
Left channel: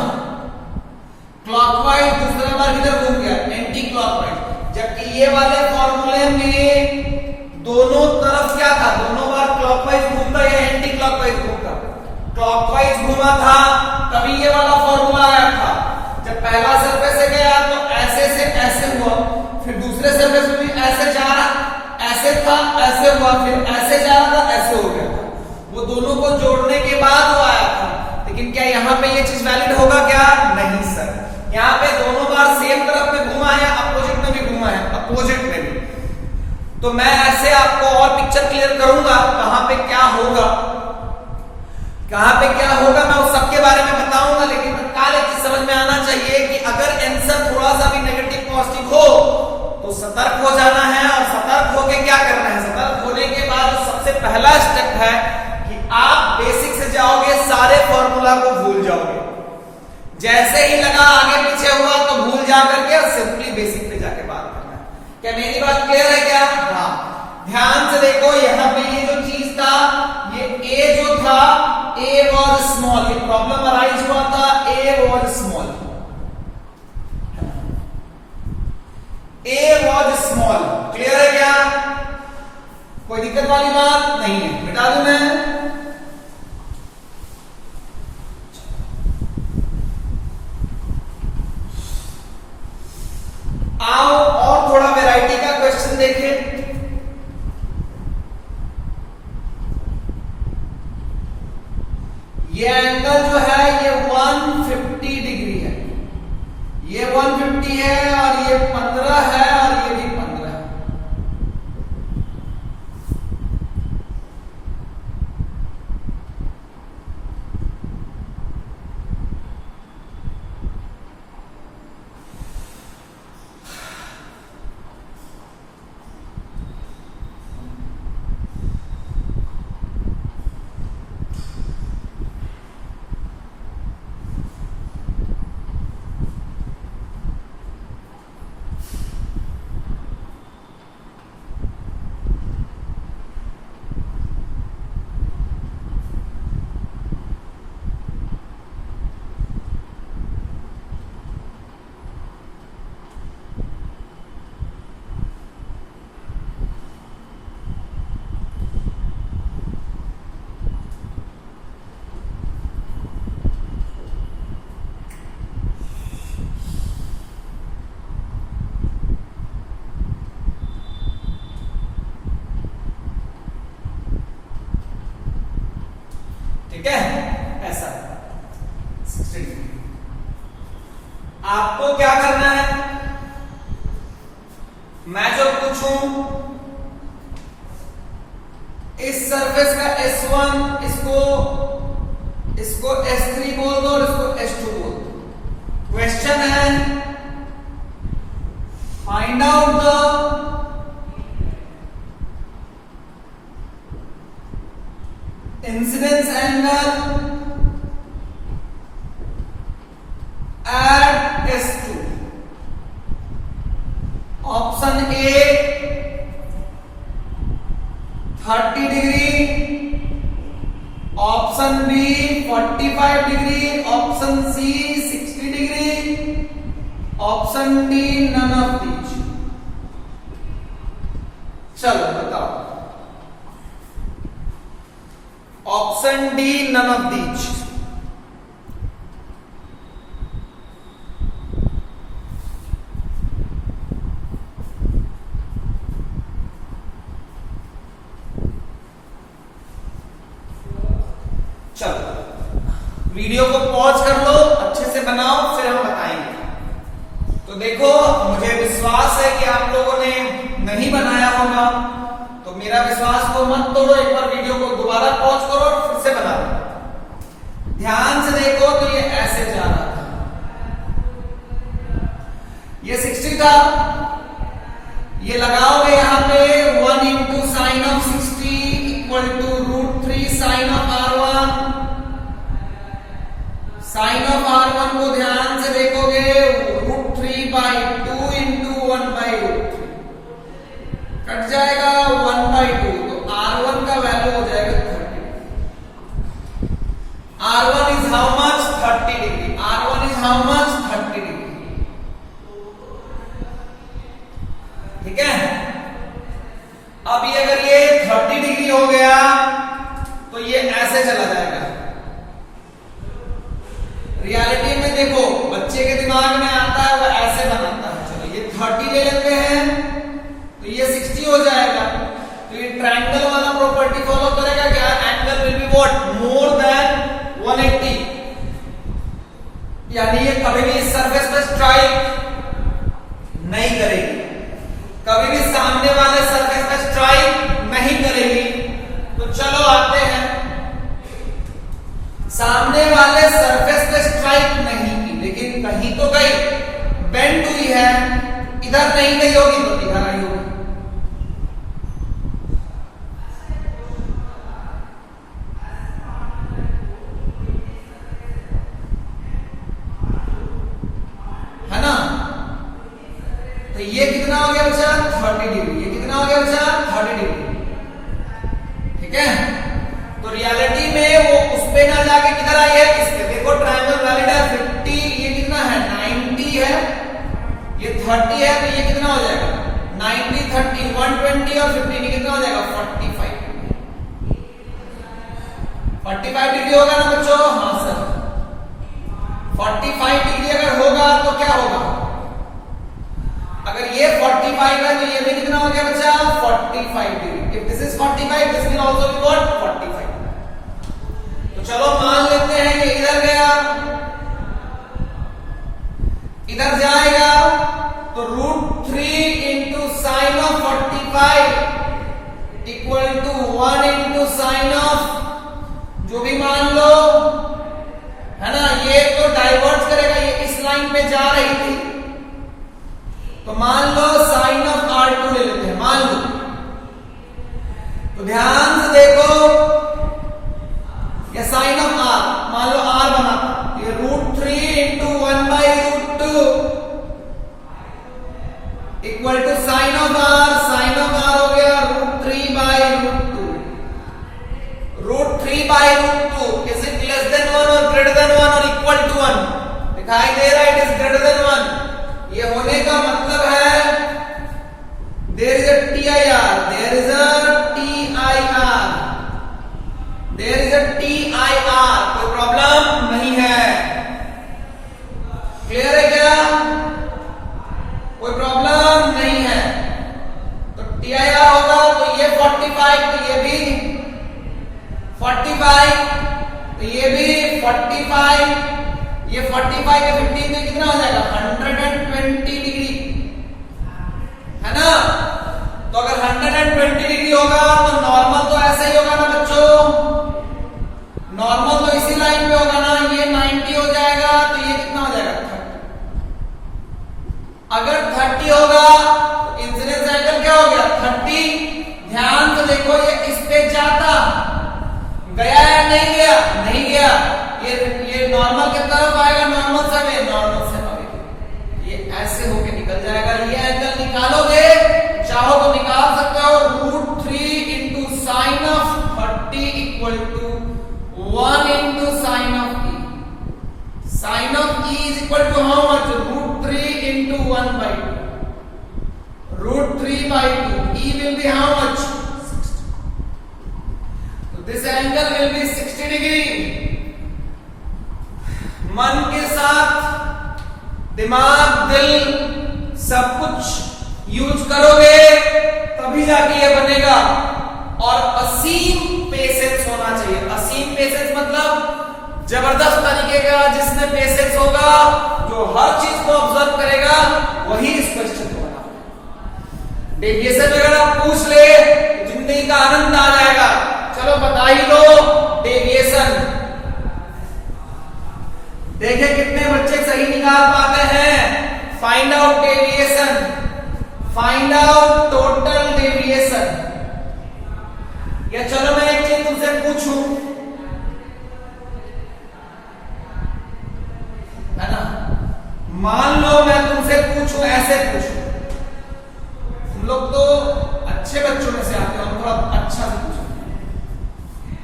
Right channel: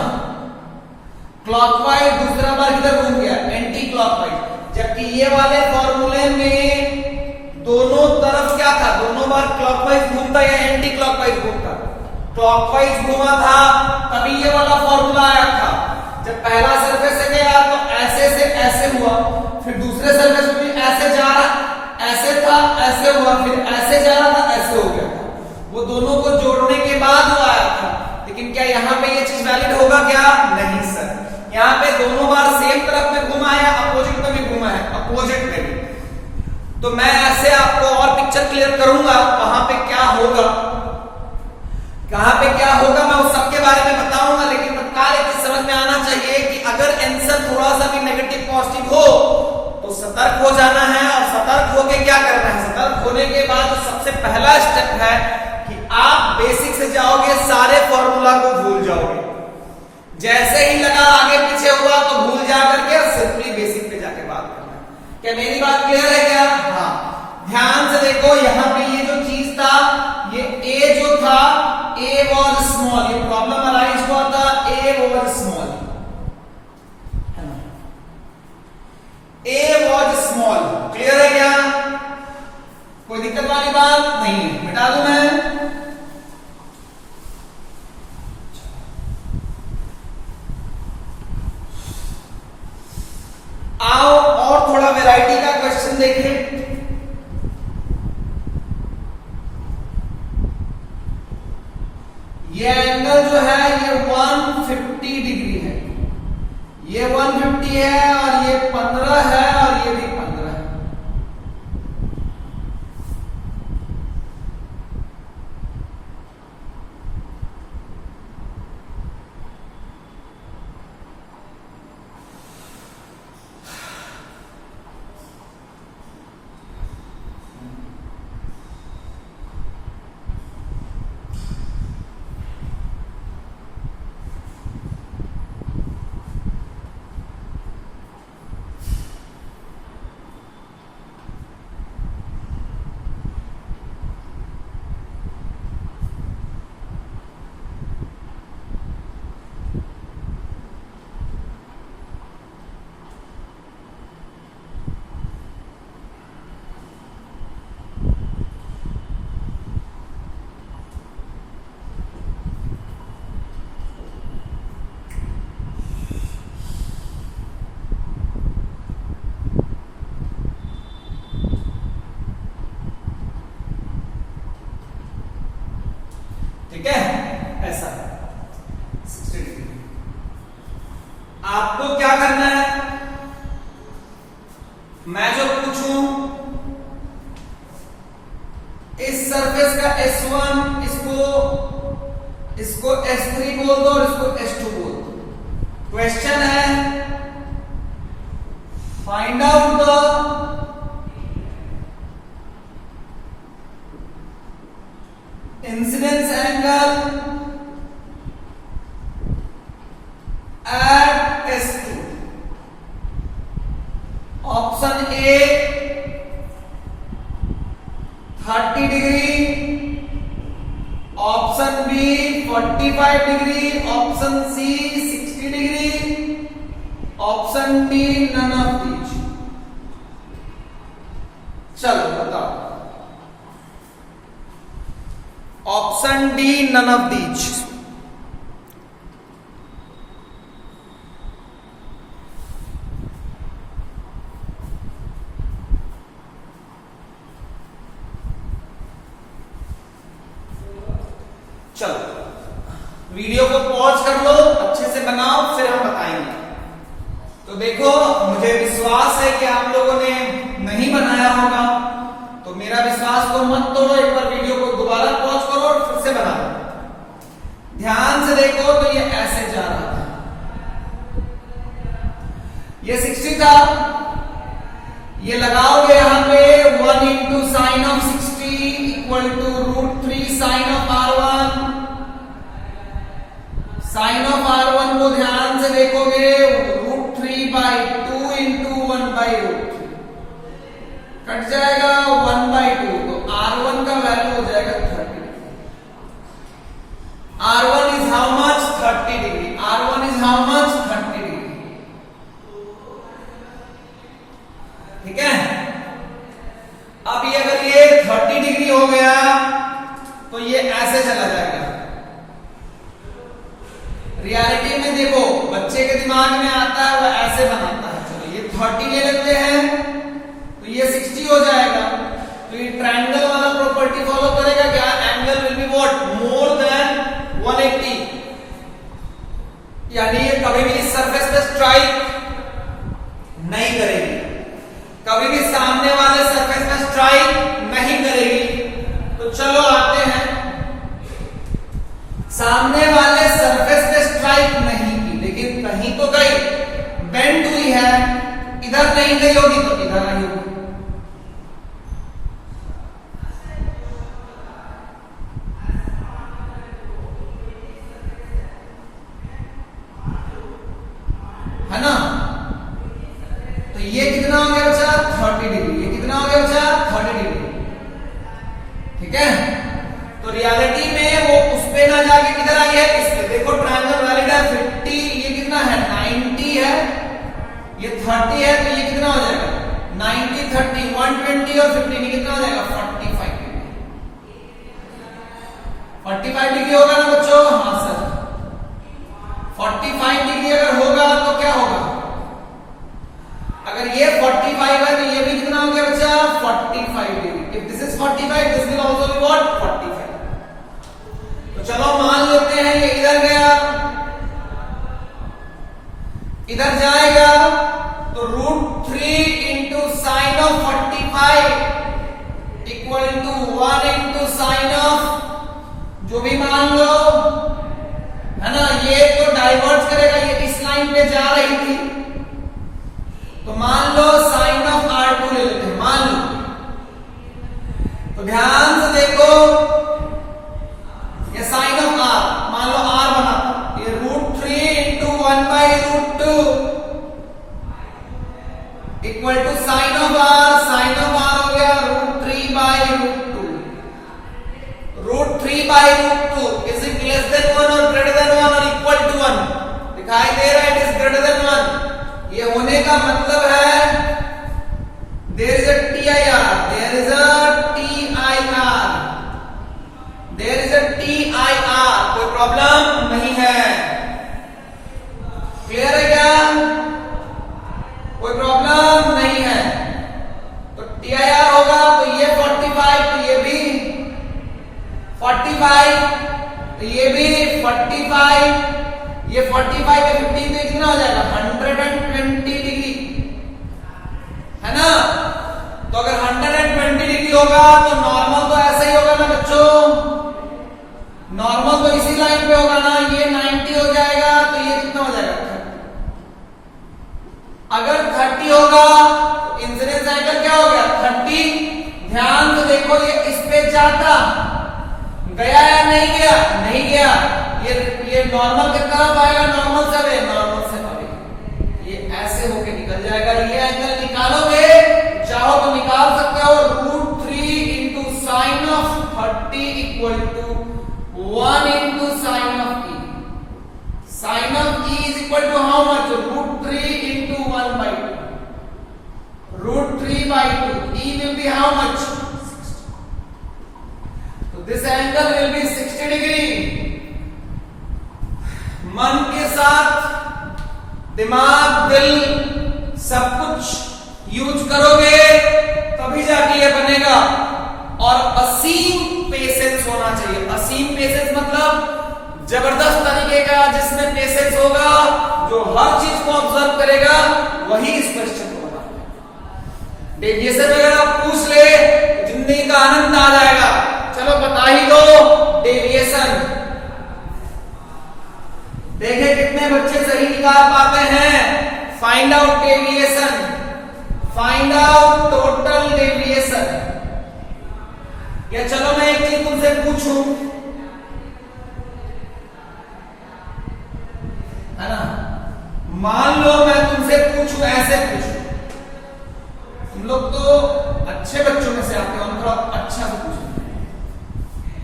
क्लॉकवाइज, दूसरा बार किधर घूम गया, एंटी क्लॉकवाइज। जबकि ये वाले फॉर्मूले में दोनों तरफ क्या था, दोनों बार क्लॉकवाइज क्लॉकवाइज घुमा था तभी ये वाला फॉर्मूला आया था। जब पहला सरफेस से गया तो ऐसे से ऐसे हुआ, फिर दूसरे सरफेस में भी ऐसे जा रहा, ऐसे था ऐसे हुआ, फिर ऐसे जा रहा था ऐसे हो गया था। वो दोनों को जोड़ने के बाद वो आया था। लेकिन क्या यहाँ पे ये चीज वैलिड होगा क्या? नहीं सर, यहाँ पे दोनों बार सेम तरफ में घुमा है, अपोजिट में भी घुमा है, अपोजिट में भी। तो मैं ऐसे आपको और पिक्चर क्लियर करूंगा कहां पे क्या होगा, कहां पे क्या होगा मैं उस सब के बारे में बताऊंगा। लेकिन तत्काल एक चीज समझ में आना चाहिए कि अगर आंसर थोड़ा सा भी नेगेटिव पॉजिटिव हो तो सतर्क हो जाना है। और सतर्क होके क्या करना है? सतर्क होने के बाद सबसे पहला स्टेप है कि आप बेसिक से जाओगे, सारे फॉर्मूला को भूल जाओगे। जैसे ही लगा आगे पीछे हुआ तो भूल जा करके सिंपली बेसिक पे जाके बात करना है। क्या मेरी बात क्लियर है क्या? हाँ, ध्यान से देखो, यहाँ पे ये जो चीज था, ये ए जो था, ए वॉज स्मॉल, ये प्रॉब्लम अराइज हुआ था, ए was small, A was small. Clear है क्या? कोई दिक्कत वाली बात नहीं है, मिटा दूं मैं? आओ और थोड़ा वैरायटी का क्वेश्चन देखें। ये एंगल जो है ये 150 डिग्री है, ये 150 है और ये 15 है और ये भी 15 है। ठीक है, ऐसा 60 डिग्री। आपको क्या करना है? मैं जो पूछूं इस सरफेस का S1 इसको S3 बोल दो और इसको S2 बोल दो। क्वेश्चन है find out the incidence angle at S2. Option A 30 degree, option B 45 degree, option C 60 degree, option D none of these. चलो बताओ। Option D none of these. चलो वीडियो को पॉज कर लो, अच्छे से बनाओ, फिर हम बताएंगे। तो देखो, मुझे विश्वास है कि आप लोगों ने नहीं बनाया होगा, तो मेरा विश्वास को मत तोड़ो, एक बार वीडियो को दोबारा पॉज करो और फिर से बना लो। ध्यान से देखो तो ये ऐसे जा रहा था, ये 60 था, ये लगाओगे यहां पे 1 into sine of 60 equal to √3 sine of R1। Sine of R1 को ध्यान से देखोगे, √3/2 इंटू 1/√3 कट जाएगा 1/2, तो R1 का वैल्यू हो जाएगा 30। R1 is how much? 30 degree. R1 is how much? 30 degree. ठीक है, अब ये अगर ये 30 डिग्री हो गया तो ये ऐसे चला जाएगा, रियलिटी में देखो बच्चे के दिमाग में आता है वो ऐसे बनाता है। चलो ये 30 ले लेते हैं तो ये 60 हो जाएगा। तो ये ट्रायंगल वाला प्रॉपर्टी फॉलो करेगा क्या? Angle will be what? More than 180। यानी ये कभी भी इस सरफेस पे स्ट्राइक नहीं करेगी, कभी भी सामने वाले सरफेस पे स्ट्राइक नहीं करेगी। तो चलो आते हैं, सामने वाले सरफेस पे स्ट्राइक नहीं की लेकिन कहीं तो गई, बेंड हुई है, इधर नहीं गई होगी तो इधर आई होगी। है ना? तो ये कितना हो गया बच्चा? 30 डिग्री। ये कितना हो गया बच्चा? 30 डिग्री। ठीक है। तो रियलिटी में वो उस पे ना जाके किधर आई है? इस पे। देखो ट्रायंगल वैलिड है 50, ये कितना है? 90 है, ये 30 है, तो ये कितना हो जाएगा? 90 30 120 और 15 ये कितना हो जाएगा? 45 डिग्री। 45 डिग्री होगा ना बच्चों? हाँ सर। 45 डिग्री अगर होगा तो क्या होगा? अगर ये 45 है तो ये भी कितना हो गया बच्चा? 45 degree. If this is 45 this will also be what? 45। तो चलो मान लेते हैं ये इधर गया, इधर जाएगा तो √3 into sine of 45 equal to 1 into sine of जो भी मान लो, है ना? ये तो डाइवर्ज करेगा, ये इस लाइन पे जा रही थी तो मान लो साइन ऑफ R2 ले लेते हैं, मान लो। तो ध्यान से देखो ये साइन ऑफ R, मान लो R बना, तो ये √3 into 1/√2 equal to sine of R। Sine of R हो गया √3/√2। √3/√2 इज इट लेस देन 1 और ग्रेटर देन 1 और इक्वल टू 1? दिखाई दे रहा है इट इज ग्रेटर देन 1। ये होने का मतलब है there is a TIR, there is a TIR, there is a TIR, कोई प्रॉब्लम नहीं है। क्लियर है क्या? कोई प्रॉब्लम नहीं है। तो TIR होगा तो ये 45, तो ये भी 45, तो ये भी 45, ये 45 या 15 में कितना हो जाएगा? 120 डिग्री, है ना? तो अगर 120 डिग्री होगा तो नॉर्मल तो ऐसा ही होगा ना बच्चों? नॉर्मल तो इसी लाइन पे होगा ना? ये 90 हो जाएगा तो ये कितना हो जाएगा? 30। अगर 30 होगा तो इंसिडेंस एंगल क्या हो गया? 30। ध्यान से देखो ये इस पे जाता, गया या नहीं गया? नहीं गया। ये नॉर्मल कितना पाएगा? नॉर्मल से नॉर्मल से पाएगा, ये ऐसे होके निकल जाएगा। ये एंगल निकालोगे, चाहो तो निकाल सकते हो, √3 into sine of 30 equal to 1 into sine of E। Sine of E is equal to how much? √3 into 1/2, √3/2। E will be how much? 60. तो this angle will be 60 degree. मन के साथ दिमाग, दिल सब कुछ यूज करोगे तभी जाके ये बनेगा। और असीम पेशेंस होना चाहिए। असीम पेशेंस मतलब जबरदस्त तरीके का, जिसमें पेशेंस होगा, जो हर चीज को ऑब्जर्व करेगा वही इस क्वेश्चन को बना। डेविएशन वगैरह पूछ ले तो जिंदगी का आनंद आ जाएगा। चलो बता ही दो डेविएशन। देखें कितने बच्चे सही निकाल पाते हैं। Find out deviation, find out total deviation. या चलो मैं एक चीज तुमसे पूछूं, है ना? मान लो मैं तुमसे पूछूं, ऐसे पूछूं, तुम लोग तो अच्छे बच्चों में से आते हो, थोड़ा अच्छा से पूछो,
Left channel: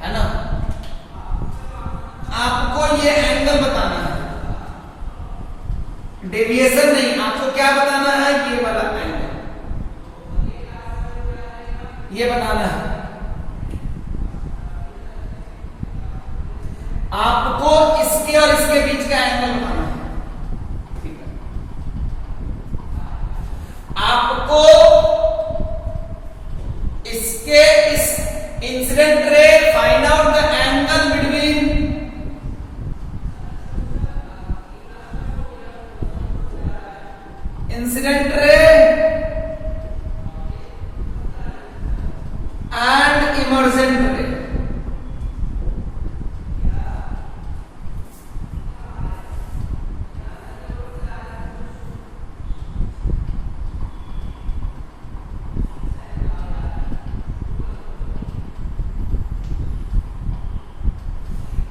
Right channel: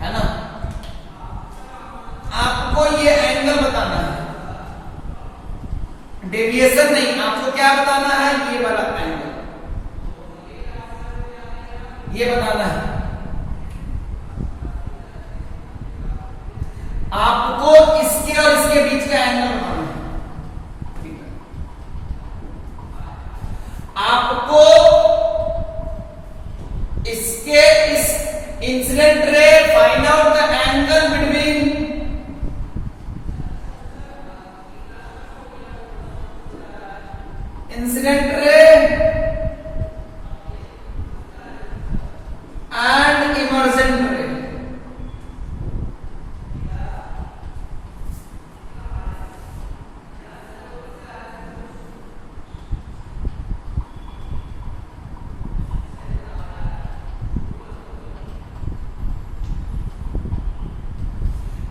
है ना? आपको ये एंगल बताना है, डेविएशन नहीं। आपको क्या बताना है? ये वाला एंगल, ये बताना है। आपको इसके और इसके बीच का एंगल बनाना है, ठीक है। आपको इसके इस incident ray find out the angle between incident ray and emergent रे।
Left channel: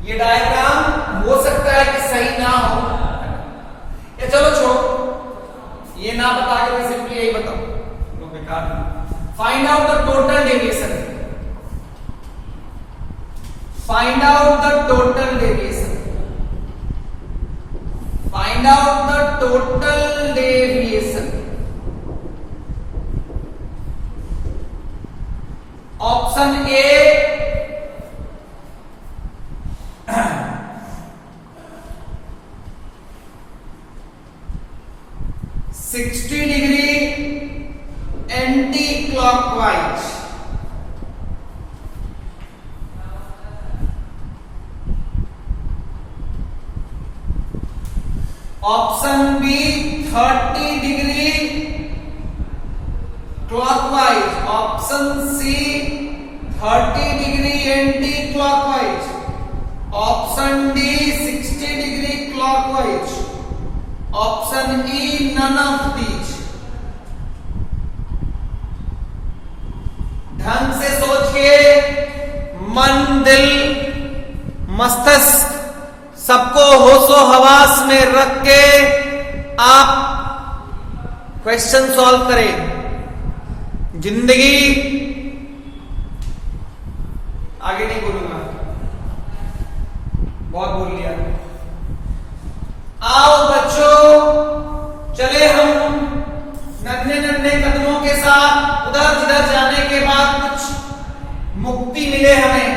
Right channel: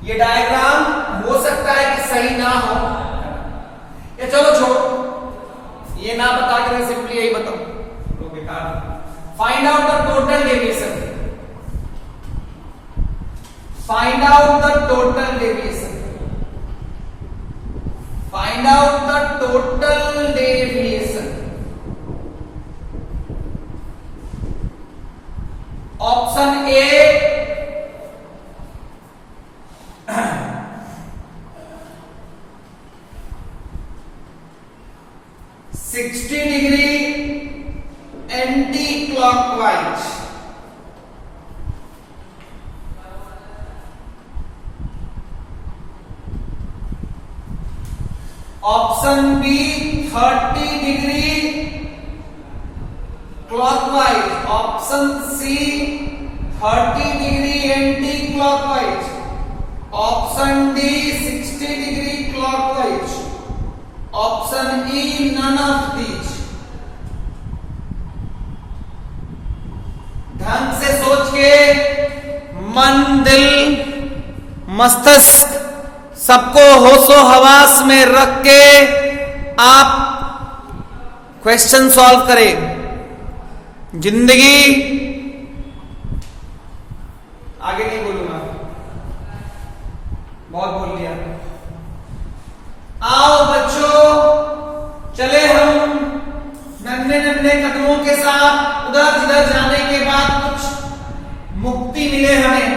ये डायग्राम हो सकता है कि सही ना हो, या चलो छोड़ो, ये ना बता के मैं सिंपली यही बताऊं, तो बेकार। Find out the total deviation, find out the total deviation, find out the total deviation. Option A 60 degree anti clockwise, option B 30 degree clockwise, option C 30 degree anti clockwise, option D 60 degree clockwise, option E none of these. ढंग से सोच के, मन, दिल, मस्तिष्क सबको होशो हवास में रख के आप क्वेश्चन सॉल्व करें। जिंदगी आगे नहीं बोलूंगा, बहुत बोल लिया। आओ बच्चों, चले हम नन्हे नन्हे कदमों के साथ उधर जिधर जाने के बाद कुछ मुक्ति मिले हमें।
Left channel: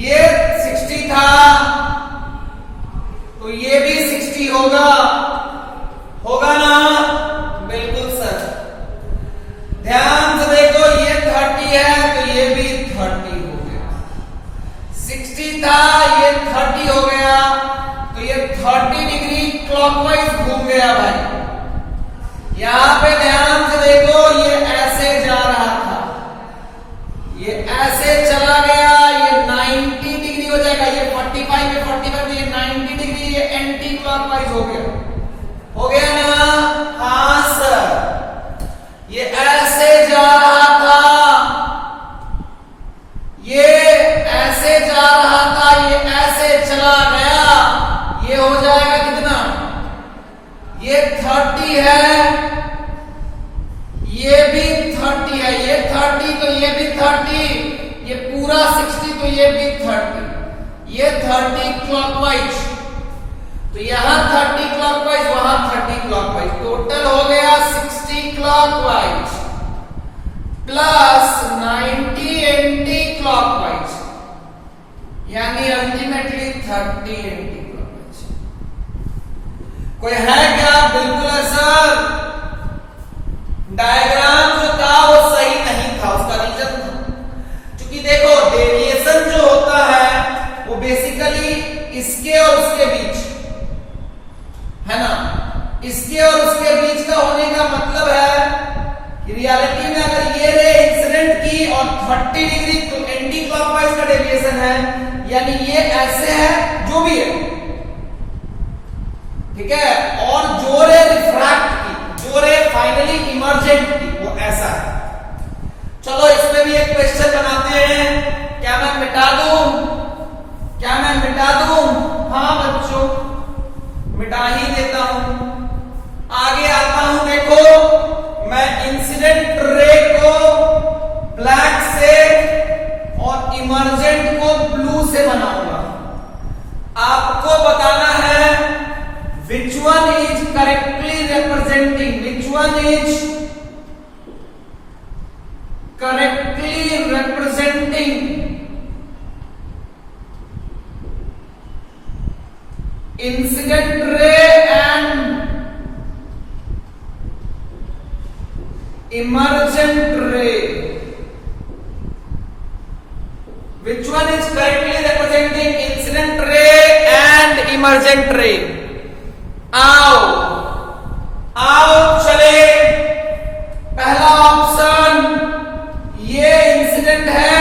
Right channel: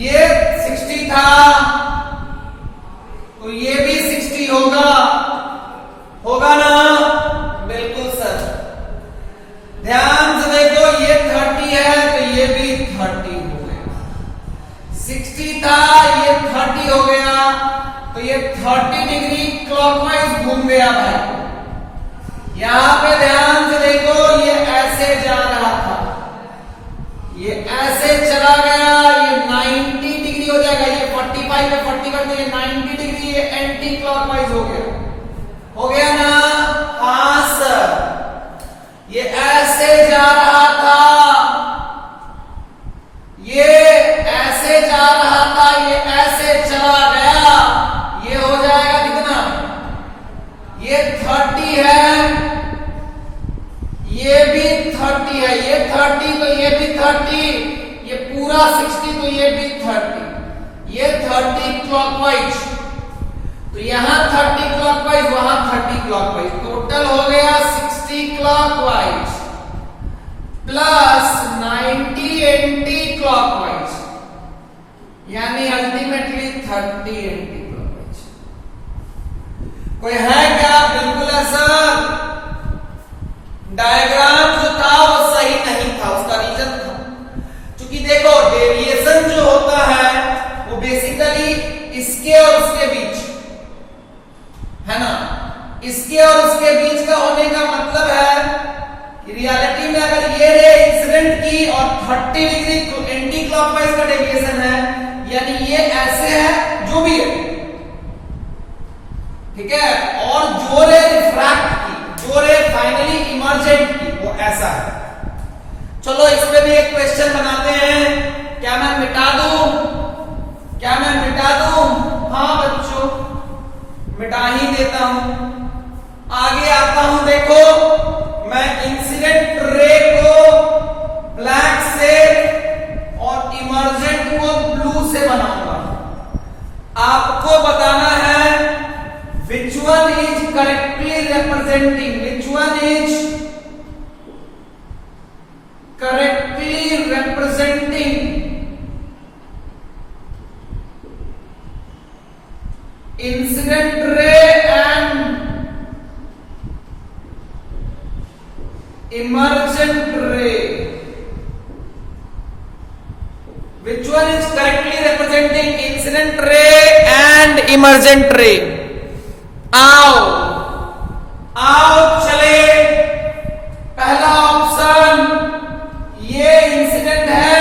ये 60 था तो ये भी 60 होगा, होगा ना? बिल्कुल सर। ध्यान से देखो, ये 30 है तो ये भी 30 हो गया। 60 था, ये 30 हो गया, तो ये 30 डिग्री क्लॉकवाइज घूम गया भाई। यहां पे ध्यान से देखो, ये ऐसे जा रहा था, ये ऐसे चला गया, ये 90 डिग्री हो जाएगा। ये 45 में 45 में 90 डिग्री, ये एंटी क्लॉकवाइज हो गया, हो गया ना? हाँ सर। ये ऐसे जा रहा था, ये ऐसे जा रहा था, ये ऐसे चला गया, ये हो जाएगा कितना? ये 30 है, ये भी 30 है, ये 30 तो ये भी 30, ये पूरा 60 तो ये भी 30, ये 30 क्लॉकवाइज, तो यहां 30 क्लॉकवाइज, वहां 30 क्लॉकवाइज, टोटल हो गया 60 क्लॉकवाइज प्लस 90 एंटी क्लॉकवाइज, यानी अल्टीमेटली 30 एंटी क्लॉकवाइज। कोई है क्या? बिल्कुल है सर। डायग्राम जो था वो सही नहीं था, उसका रीजन था, क्योंकि देखो डेविएशन जो होता है वो बेसिकली इसके और उसके बीच है ना। इसके और उसके बीच का होने का मतलब है कि रियलिटी में अगर ये रे इंसिडेंट की और 30 डिग्री एंटी क्लॉकवाइज का डेविएशन है, यानी ये ऐसे है, जो भी है, ठीक है, और जो रे रिफ्रैक्ट की, जो रे फाइनली इमर्जेंट की, वो ऐसा है। चलो इस पे भी एक क्वेश्चन बनाते हैं। क्या मैं मिटा दूं? क्या मैं मिटा दूं? हाँ बच्चों, मिटा ही देता हूं। आगे आता हूं, देखो मैं इंसिडेंट रे को ब्लैक से और इमर्जेंट को ब्लू से बनाऊंगा। आपको बताना है which one is correctly representing, which one is correctly representing one is correctly representing incident ray and emergent ray? आओ आओ चले, पहला ऑप्शन ये इंसिडेंट है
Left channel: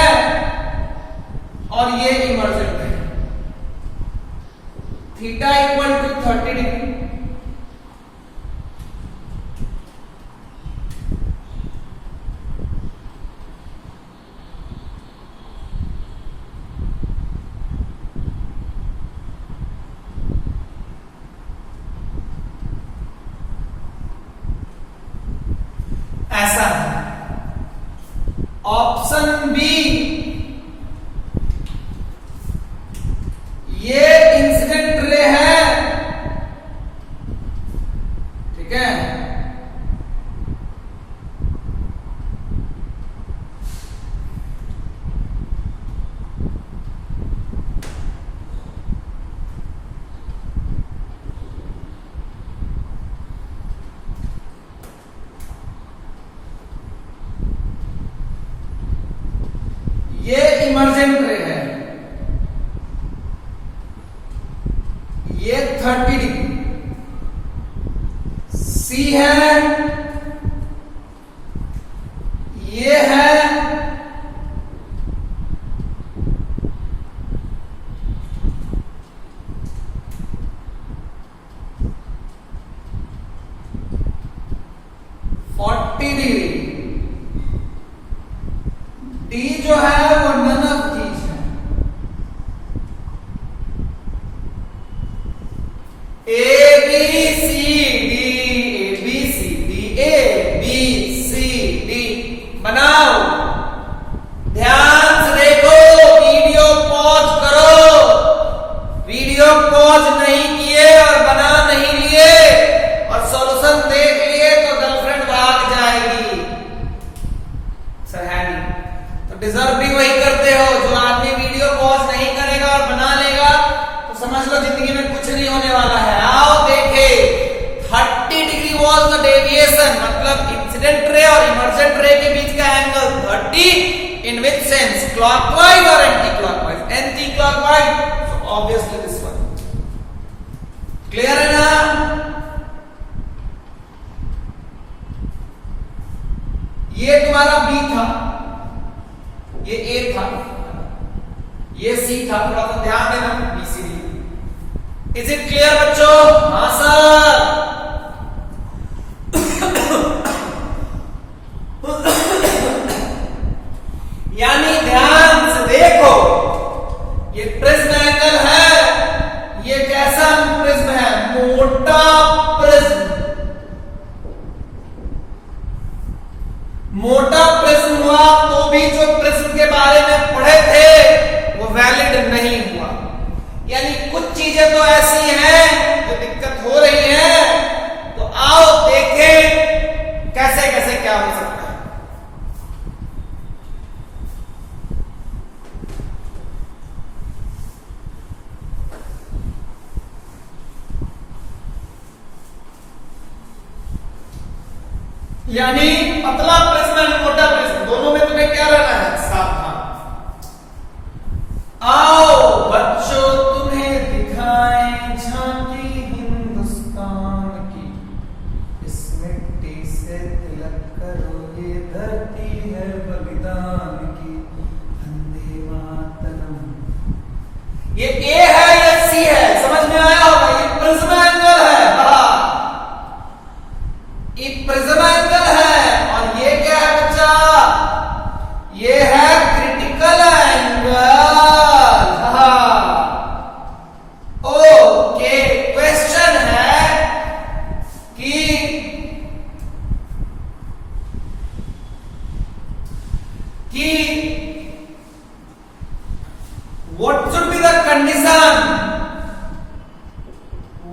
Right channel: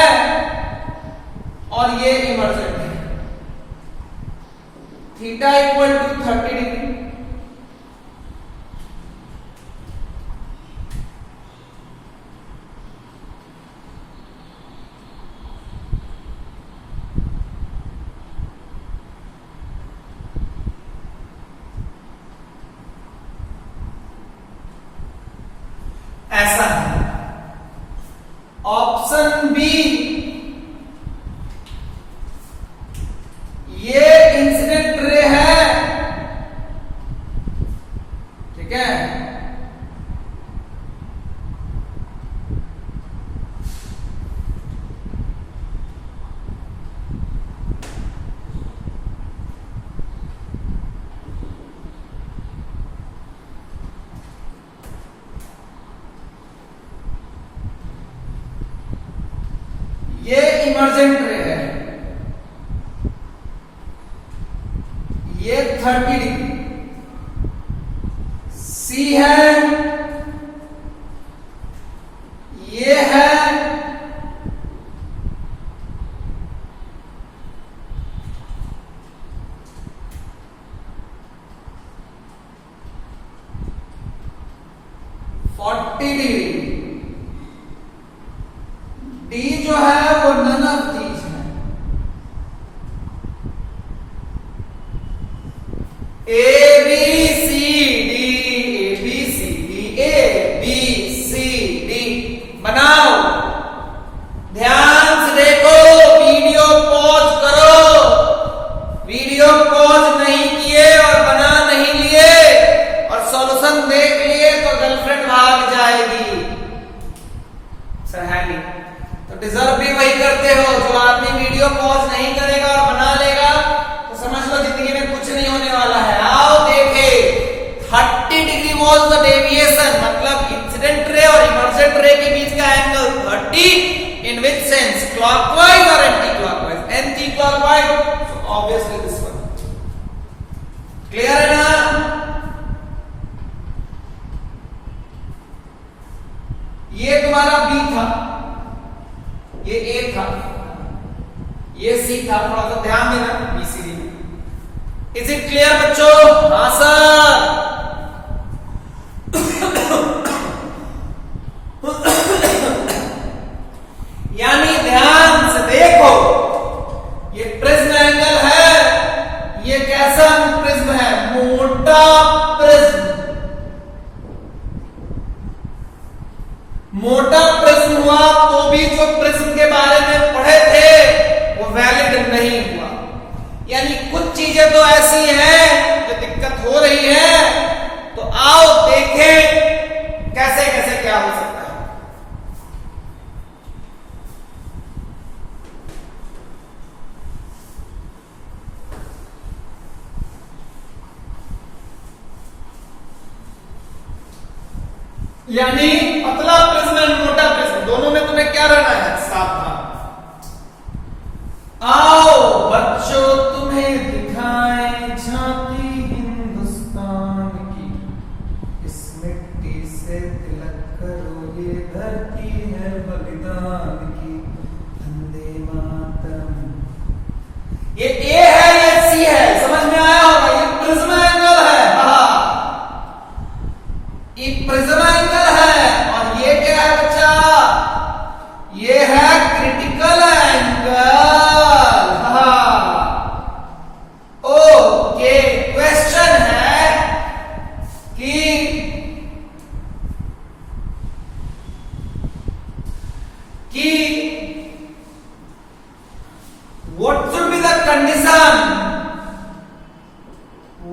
और ये इमर्जेंट है। थीटा इक्वल टू 30 डिग्री, ऐसा है। ऑप्शन बी ये इंसिडेंट रे है, ठीक है। ये इमर्जेंट रे है, ये 30 डिग्री। सी है, ये है, डी जो है वो नन ऑफ दीज है। A B C D, A B C D, A B C D बनाओ। ध्यान से देखो, वीडियो पॉज करो। वीडियो पॉज नहीं किए और बना नहीं लिए और सॉल्यूशन देख लिए तो गर्लफ्रेंड भाग जाएगी। सही तो डिजर्व भी वही करते हो। जो आदमी वीडियो पॉज नहीं करेगा और बना लेगा तो समझ लो जिंदगी में कुछ नहीं होने वाला है। आओ देखे, 30 डिग्री वॉज द डेविएशन, मतलब इंसिडेंट रे और इमर्जेंट रे के बीच का एंगल 30 इन विच सेंस, क्लॉकवाइज और anti clockwise. Anti clockwise, so obviously this one. Clear है ना? ये तुम्हारा बी था, ये ए था, ये सी था। थोड़ा सा ध्यान देना, B C D. Is it clear बच्चों? हाँ सर। यानी ध्यान से देखो, ये प्रिज्म एंगल है, ये कैसा प्रिज्म है? मोटा प्रिज्म। मोटा प्रिज्म हुआ तो भी जो प्रिज्म के बारे में पढ़े थे वो वैलिड नहीं हुआ। यानी कुछ चीजें तो ऐसी हैं जो दिक्कत हो रही है, तो आओ देखें कैसे कैसे क्या हो सकता है। यानी पतला प्रिज्म और मोटा प्रिज्म दोनों में तुम्हें क्या रहना है? सावधान। आओ बच्चों तुम्हें दिखाएं झांकी हिंदुस्तान की, इस मिट्टी से तिलक करो, ये धरती है बलिदान की, वंदे मातरम। ये ए है, ये सी है, समझ में आया होगा? ये प्रिज्म एंगल है, ये प्रिज्म एंगल है। और ये क्या है बच्चा? ये है क्रिटिकल एंगल। ओके, क्वेश्चन है कि what should be the condition?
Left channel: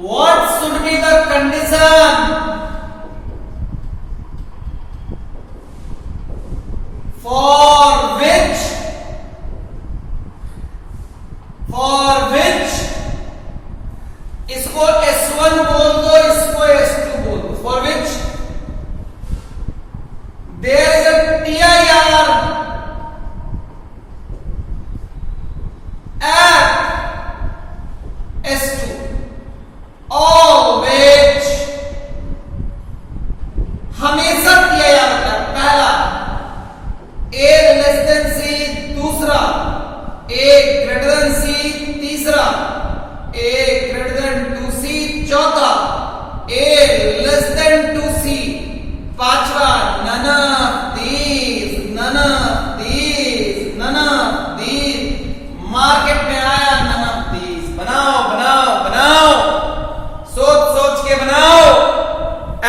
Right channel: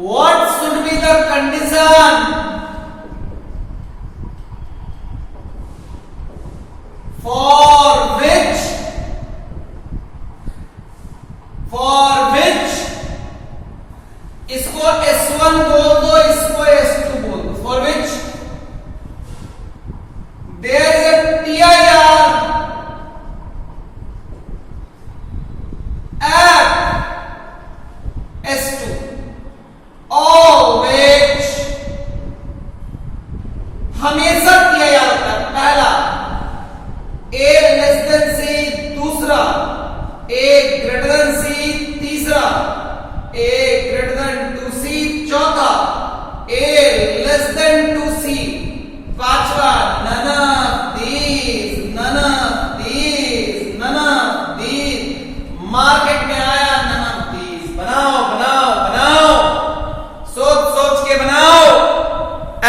What should be the condition for which इसको S1 बोल दो, इसको S2 बोल दो, for which there is a TIR A greater than C तीसरा, A greater than two C चौथा, A less than two C पांचवा, none of these, none of these, none of these. Market में आया none of these. बनाओ बनाओ बनाओ, सोच सोच के बनाओ,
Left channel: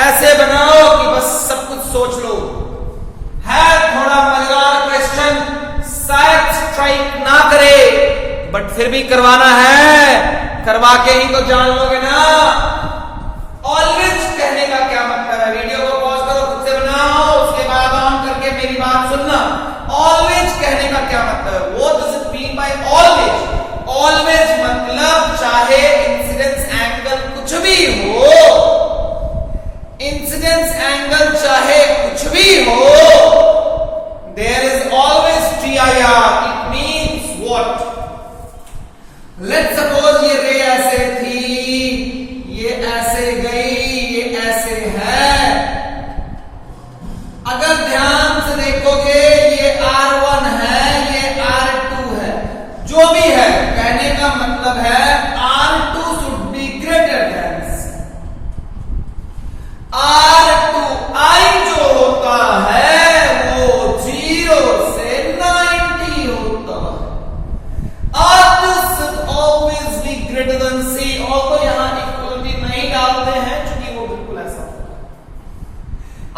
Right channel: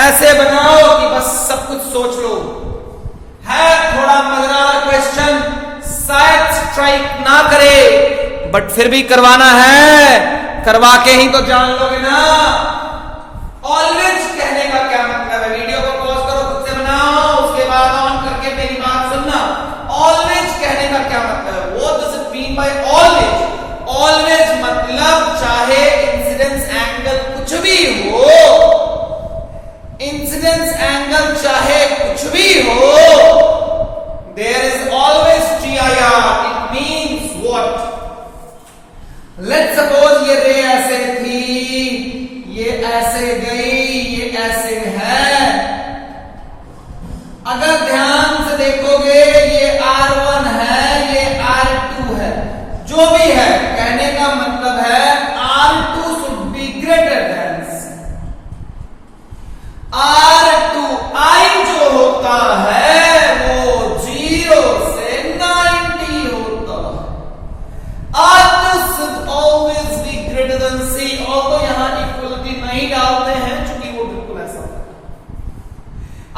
ऐसे बनाओ कि बस सब कुछ सोच लो। है थोड़ा मजेदार क्वेश्चन, शायद स्ट्राइक ना करे, बट फिर भी करवाना है, करवा के ही तो जान लोगे ना। ऑलवेज कहने का क्या मतलब है? वीडियो को पॉज करो, खुद से बनाओ, उसके बाद ऑन करके मेरी बात सुनना। ऑलवेज कहने का क्या मतलब है? What does it mean by always? Always मतलब चाहे इंसिडेंस एंगल कुछ भी हो, इंसिडेंस एंगल चाहे कुछ भी हो, there is always TIR। It means what? Let's suppose ये रे ऐसे थी, ये ऐसे गई, ये ऐसे है। अगर ध्यान से देखोगे ये R1 है, ये R2 है, जो भी है, कहने का मतलब है R2 should be greater than R2। I जो होता है वो 0 से 90 होता है। R2 should always be greater than C। और तो यहां इक्वलिटी नहीं डालते हैं क्योंकि वो बिल्कुल ऐसा है।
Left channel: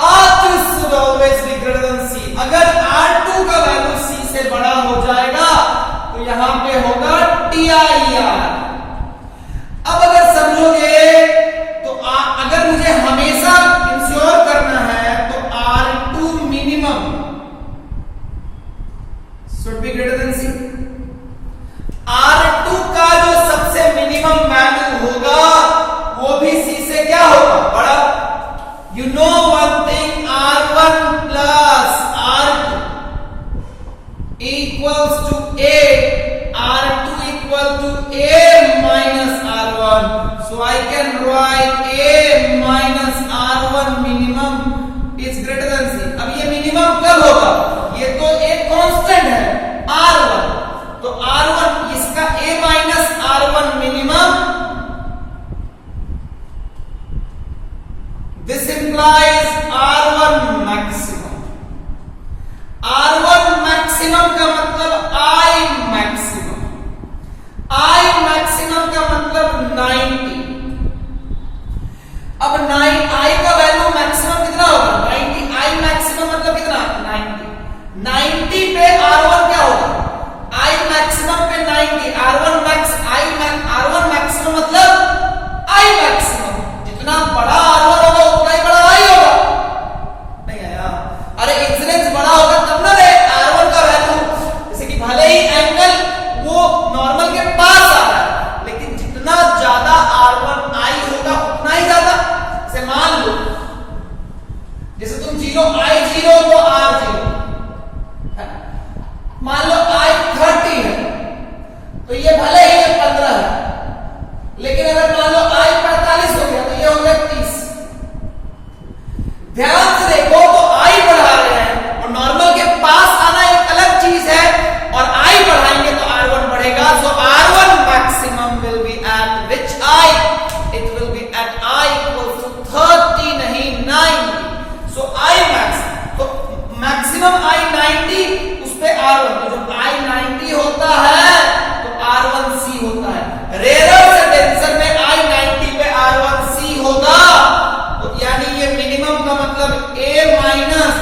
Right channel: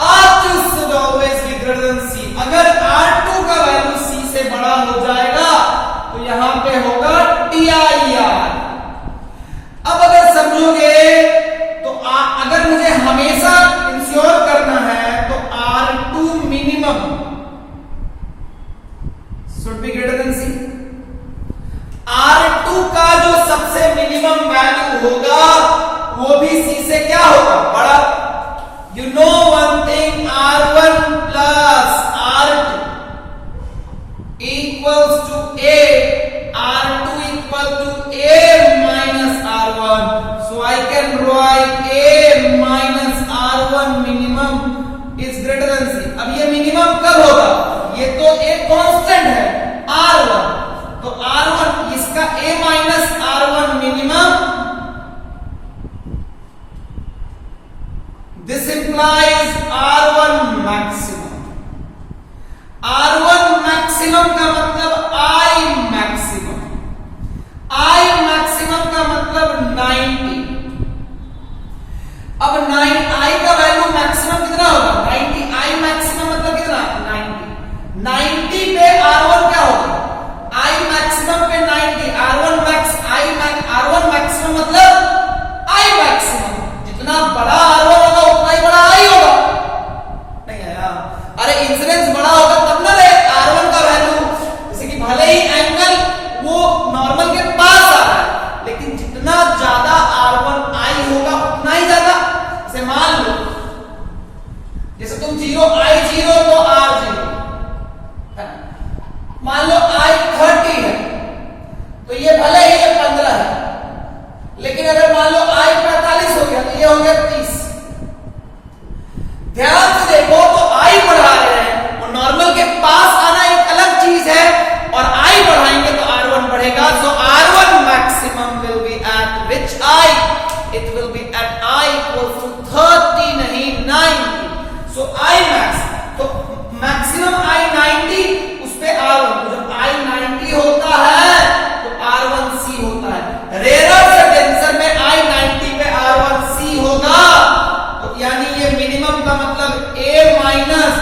R2 should always be greater than C। अगर R2 का वैल्यू C से बड़ा हो जाएगा तो यहां पे होगा TIR। अब अगर समझोगे तो अगर मुझे हमेशा इंश्योर करना है तो R2 minimum should be greater than C। R2 का जो सबसे मिनिमम वैल्यू होगा वो भी C से क्या होगा? बड़ा। You know one thing, R1 plus R2 equals to A, R2 equal to A minus R1। So I can write A minus R1 minimum is greater than C। अब ये minimum कब होगा? ये तो एक कांस्टेंट है R1, तो R1 इसका A minus R1 minimum, this implies R1 maximum. R1 maximum का मतलब I मैक्सिमम, I मैक्सिमम का मतलब 90। अब I का वैल्यू मैक्सिमम कितना होगा? 90। I मैक्सिमम मतलब कितना? 90। 90 पे R1 क्या होगा? I मैक्सिमम पे 90, R1 मैक्सिमम मतलब I मैक्सिमम। जितना बड़ा R1 होगा उतना ही बड़ा I होगा, नहीं है ना? अरे इंसिडेंस बड़ा होगा तब ना रे R1 का वैल्यू, जैसे कि भले ही एंगल वो नॉर्मल के पास आ रहा है, लेकिन जितना ज्यादा R1 I होगा उतना ही ज्यादा। जैसे मान लो, जैसे तुम 0 I0 तो R0, मान लो I30 है तो ये भले ही ये 15 है, लेकिन अगर मान लो I45 हो गया तो ये हो गया 30। ध्यान से देखो तो I बढ़ा रहे हैं और नॉर्मल के पास आना एक अलग चीज है, और I बढ़ाएंगे तो R1 बढ़ेगा। तो R1 maximum will be at which I? It will be at I equal to 30, नहीं 90। सो I मैक्स, तो मैक्सिमम I 90, उस पे R1, तो जब I 90 होता है तो R1C होता है। रेयर से डेंसर में I 90 पे R1C होगा, तो यानी ये मिनिमम का मतलब A माइनस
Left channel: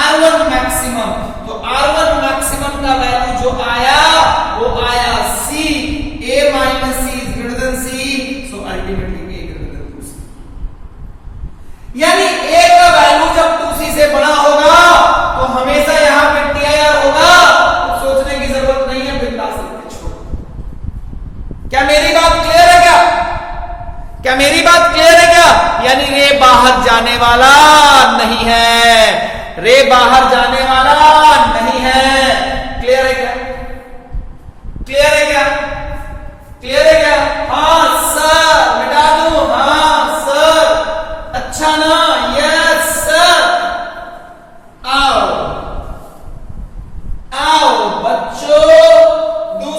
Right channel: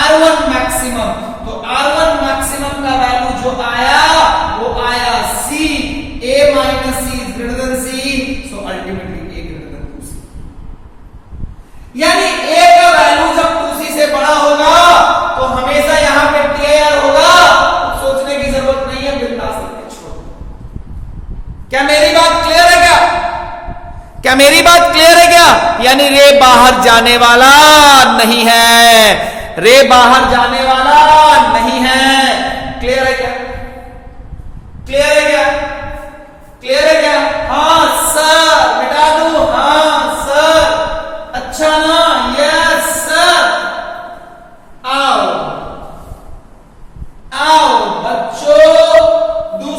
R1 मैक्सिमम। तो R1 मैक्सिमम का वैल्यू जो आया वो आया C। A minus C is greater than C, so ultimately A greater than 2C। यानी A का वैल्यू जब 2C से बड़ा होगा तो हमेशा यहां पे TIR होगा, तो सोचने की जरूरत नहीं है, बिंदास छोड़ो। क्या मेरी बात क्लियर है? क्या मेरी बात क्लियर है? क्या यानी रे बाहर जाने वाला नहीं है, रे बाहर जाने वाला नहीं है। क्लियर है क्या? क्लियर है क्या? क्लियर है क्या? हाँ सर, मिटा दूं? हाँ सर, अच्छा ना? Yes sir. आओ आओ बच्चों, डू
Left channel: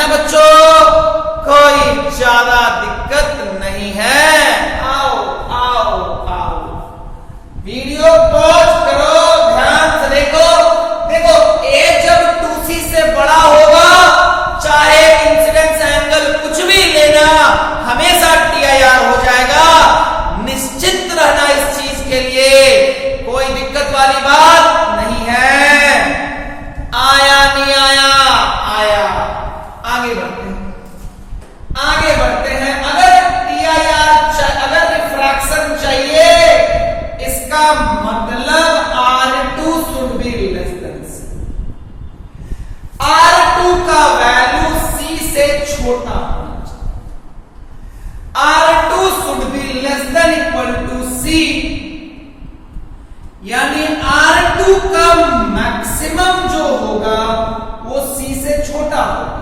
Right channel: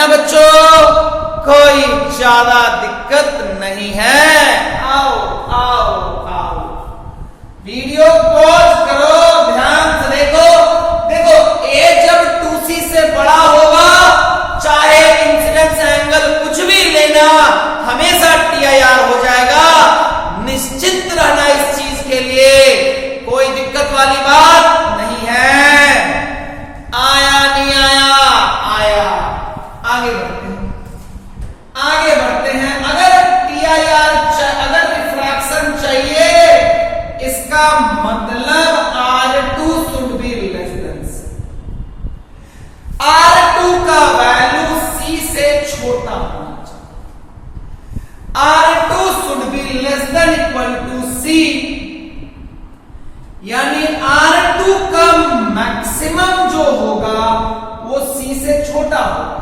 ना बच्चों? कोई ज्यादा दिक्कत नहीं है। आओ आओ आओ, वीडियो पॉज करो, ध्यान से देखो। देखो ए जब 2c से बड़ा होगा, चाहे इंसिडेंस एंगल कुछ भी लेना, हमेशा TIR हो जाएगा। निश्चित रहना इस चीज के लिए, कोई दिक्कत वाली बात नहीं है। आया नहीं आया? आया। आगे बढ़ते हैं, आगे बढ़ते हैं। अगर TIR, अगर रिफ्रैक्शन चाहिए, इसका मतलब R2 should be less than C। R2 का वैल्यू C से छोटा होना चाहिए। R2 should be less than equal to C, यानी R2 का मैक्सिमम जो होगा वो C से छोटा होगा।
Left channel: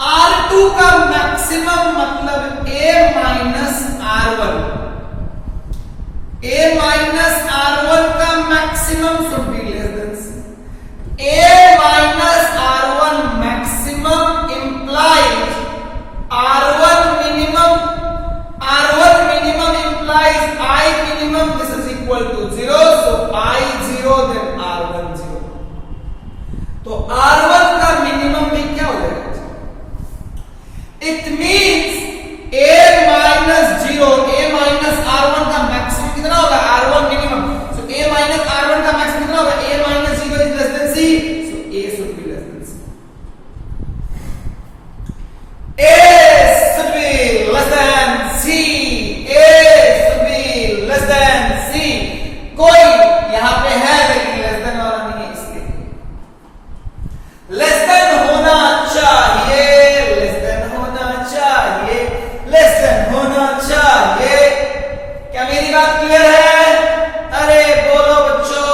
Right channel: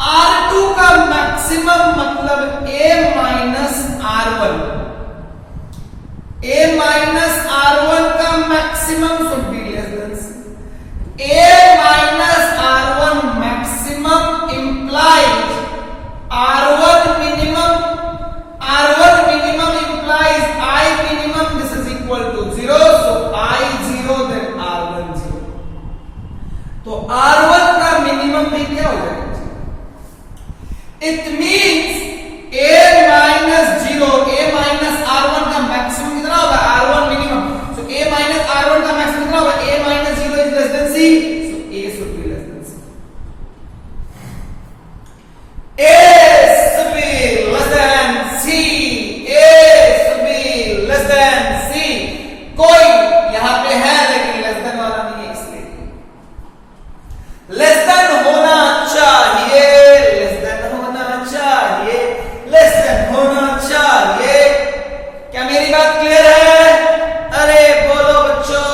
R2 का मैक्सिमम मतलब A minus R1। A minus R1 का maximum should be less than C। A minus R1 maximum implies R1 minimum. R1 minimum implies I minimum, this is equal to 0, so I 0 then R1 0। तो R1 का minimum भी क्या हो जाएगा? It means A minus 0, A minus R1 का maximum कितना होगा? R1 minimum. So A minus R1 का मैक्सिमम कितना होगा? A minus 0 is less than C, so A should be less than C। A should be less than C, A should be less than C। कोई यहां पे है लेकिन less than वाला नहीं है, इसलिए लेस देन होना चाहिए, लेस देन होना चाहिए, लेस देन होना चाहिए। क्या मेरी बात क्लियर है? अरे बोलो बच्चों,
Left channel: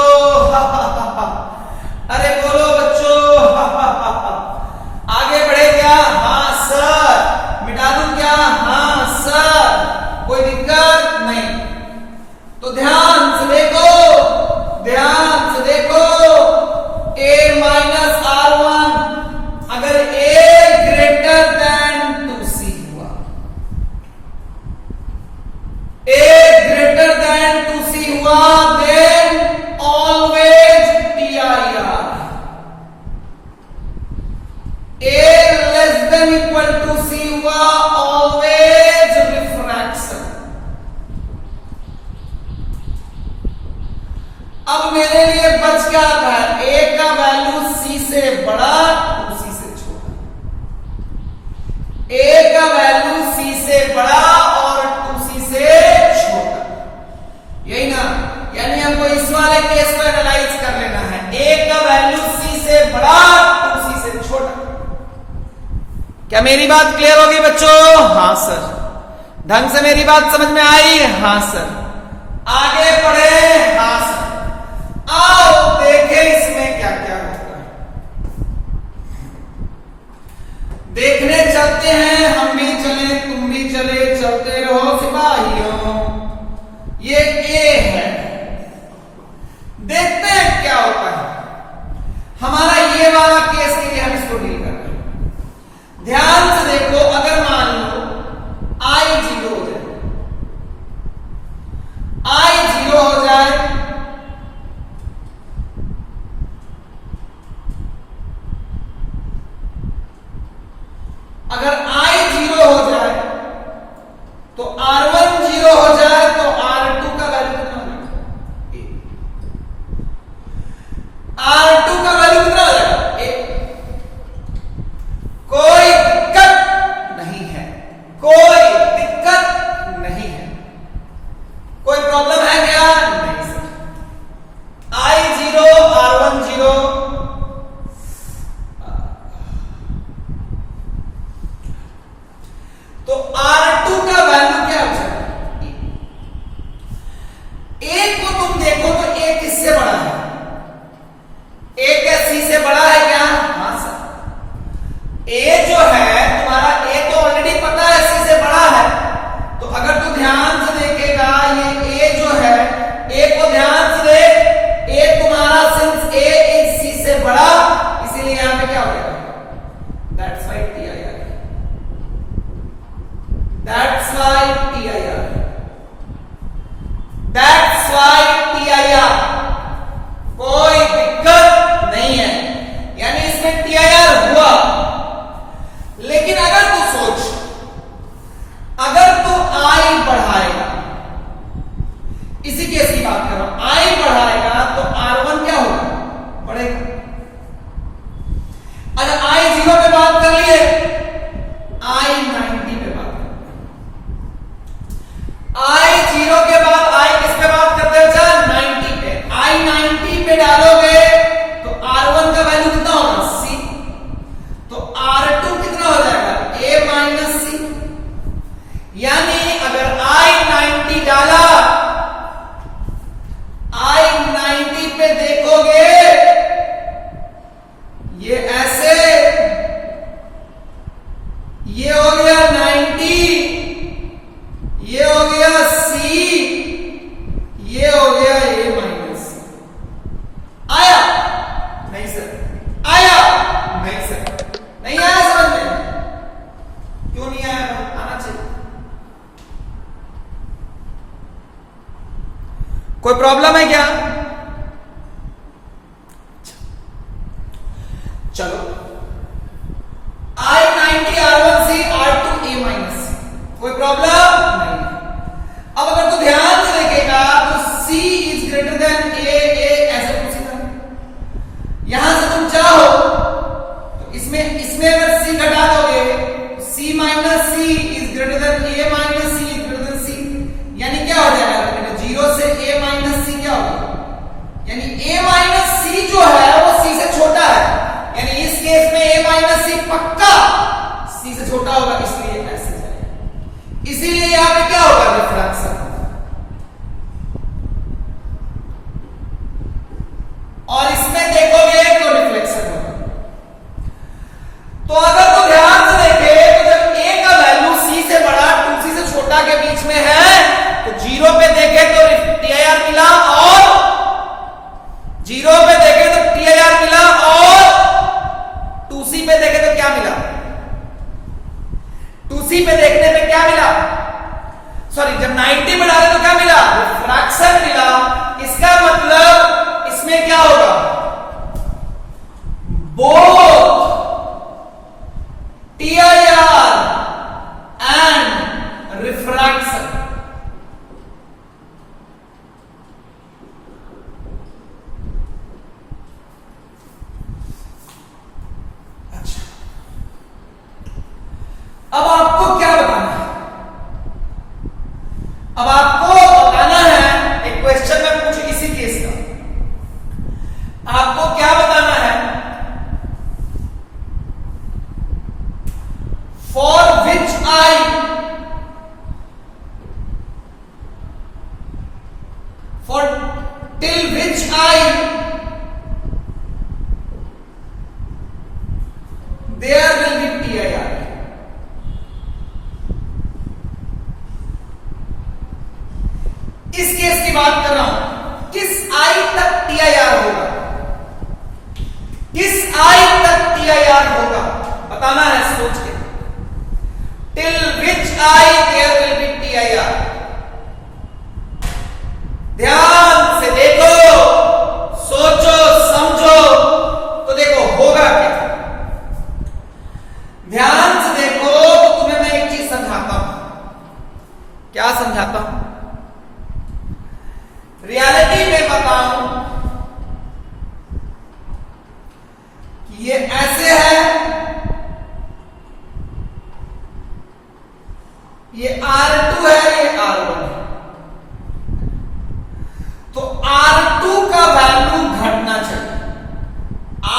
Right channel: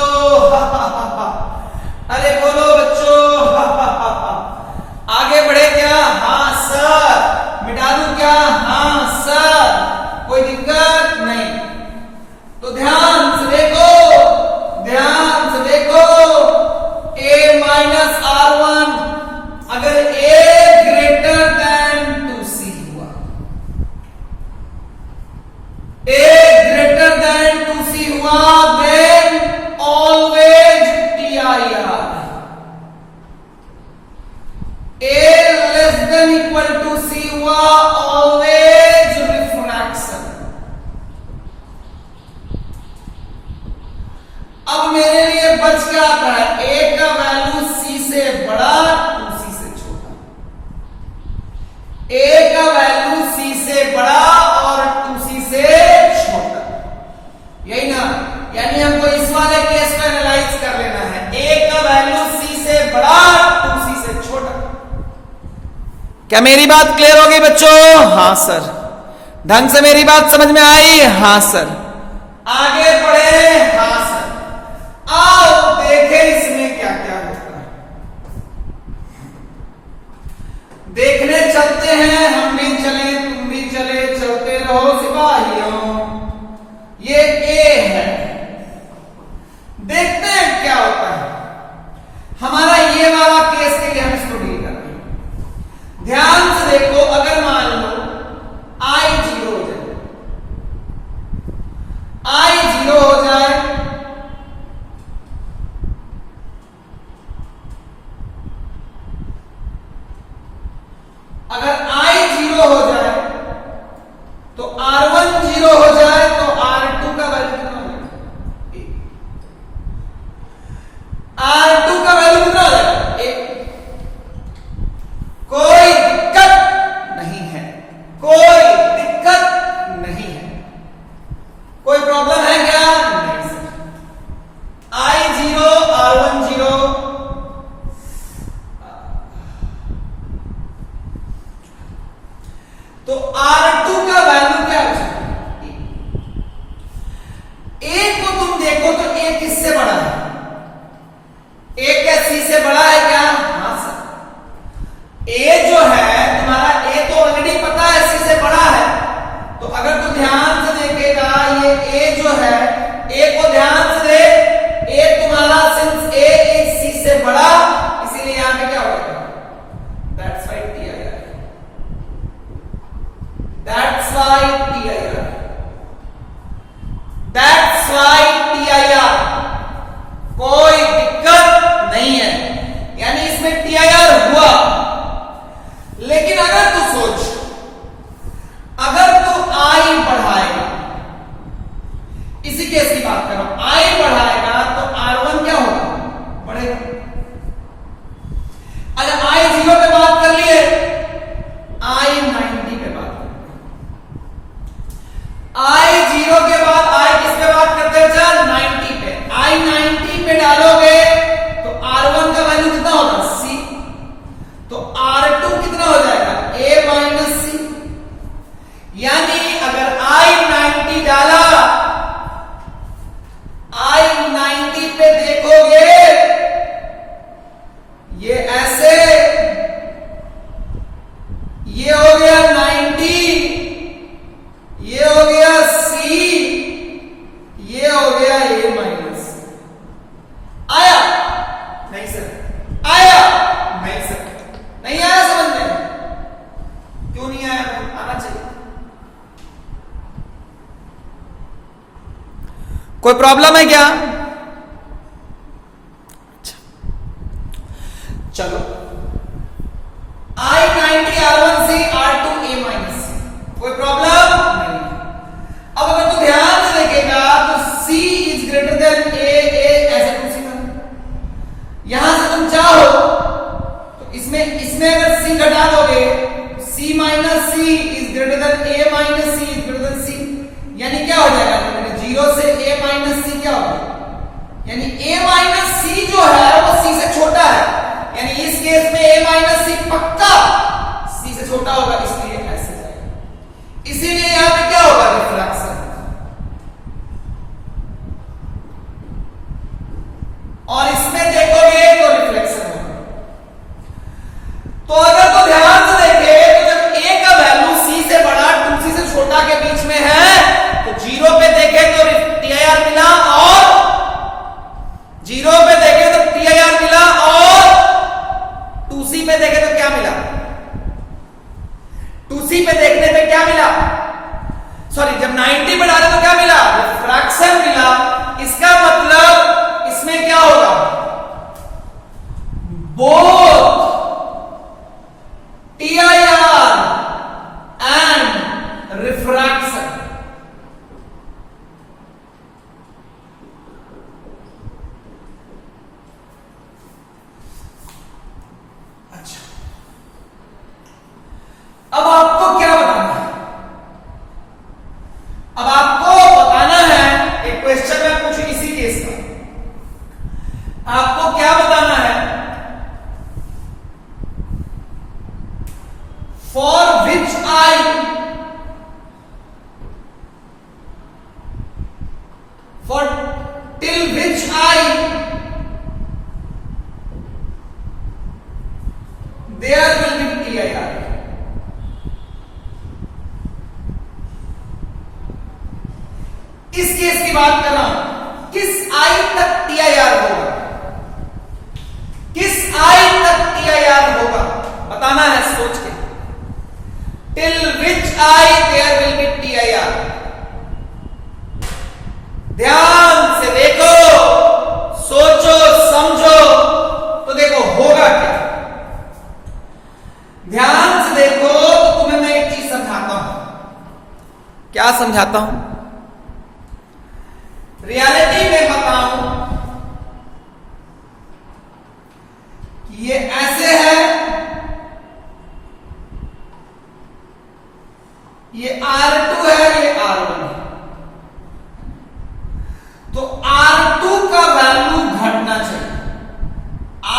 अरे बोलो बच्चों, आगे बढ़े क्या? हाँ सर। मिटा दूं क्या? हाँ सर। कोई दिक्कत नहीं। तो ध्यान से देखो, ध्यान से देखो। A माइनस R1 अगर A ग्रेटर देन 2C हुआ, A ग्रेटर देन 2C हुआ, then always TIR। A less than equal to C हुआ, ऑलवेज रिफ्रैक्शन। अब मेरे लिए बच क्या आता है? A का वैल्यू C से बड़ा, 2C से छोटा। A का वैल्यू C से बड़ा और 2C से छोटा, यही ना? यानी हमको इस वाले केस को एनालाइज कर लेना है। A का वैल्यू C से बड़ा, 2C से छोटा। क्या मेरी बात क्लियर होगी बच्चों? हाँ सर। ढंग से मेरी बात समझ में आई? हाँ सर। आगे बढ़े? हाँ सर। आओ देखें इसमें क्या क्या होता है। देखने चलते हैं, हम भी चले तुम भी चले, चलते रहो सिपाहियों। ये A है, देखते हैं क्या होता है। हमारा ये वाला केस के लिए हम इसको डील कर रहे हैं। ध्यान से देखो, अगर मान लो I 0 हो जाए, I 0 हो जाए, अगर I 0 हो जाए तो R1 0 हो जाए, तो R2 का वैल्यू कितना होगा? R2 का वैल्यू कितना हो जाएगा? 1। कोई दिक्कत नहीं है, कोई दिक्कत नहीं है। कोई प्रॉब्लम है क्या? नहीं सर। I 0, R1 0, तो R2 का वैल्यू क्या हो जाएगा? 1 को तुम देखो तो 1 किससे बड़ा है? a minus C is greater than C, यानी क्या हो जाएगा? 0 से a माइनस सी क्या होगा? यानी a माइनस सी जो है वो c से छोटा है, यानी इस केस में a माइनस सी पक्का c से छोटा होगा, इसलिए ऐसे जाएगा। इसीलिए यहां पे क्या होगा? रिफ्रैक्शन। और इसमें देखोगे तो रिफ्लेक्शन होगा। तो अगर तो ध्यान से देखें तो जब a का वैल्यू c से बड़ा 2c से छोटा के बीच में है तो 0 पे देखे तो TIR मिला, और 0 पे देखे तो TIR मिला, और 2c पे देखे तो क्या मिला? 2c पे देखने पे क्या मिला? सॉरी, जब 90 पे डाले तो क्या मिला? रिफ्रैक्शन मिला। इसका मतलब इसमें क्या होगा? Both TIR and refraction. अच्छा, अब आपको क्या बताना है? अब आपको बताना है, एक क्वेश्चन मैं पूछू इसी केस का, आपको क्या बताना है? For which eye, for till which eye there will be TIR? इस केस की बात कर रहा हूं, किस आई तक TIR होगा? किस आई तक TIR होगा बताना है, सोच के। Till which eye there will be TIR? ध्यान से देखो, सोचो, समझो, तो देखो होगा क्या। ध्यान से देखो तो तुम्हें मैं एक चीज समझाता हूं। क्या समझाता हूं? रियलिटी में बताऊं, ये ऐसे है, ये R2 है, ये R1 है। तो R2 का वैल्यू घटना चाहिए।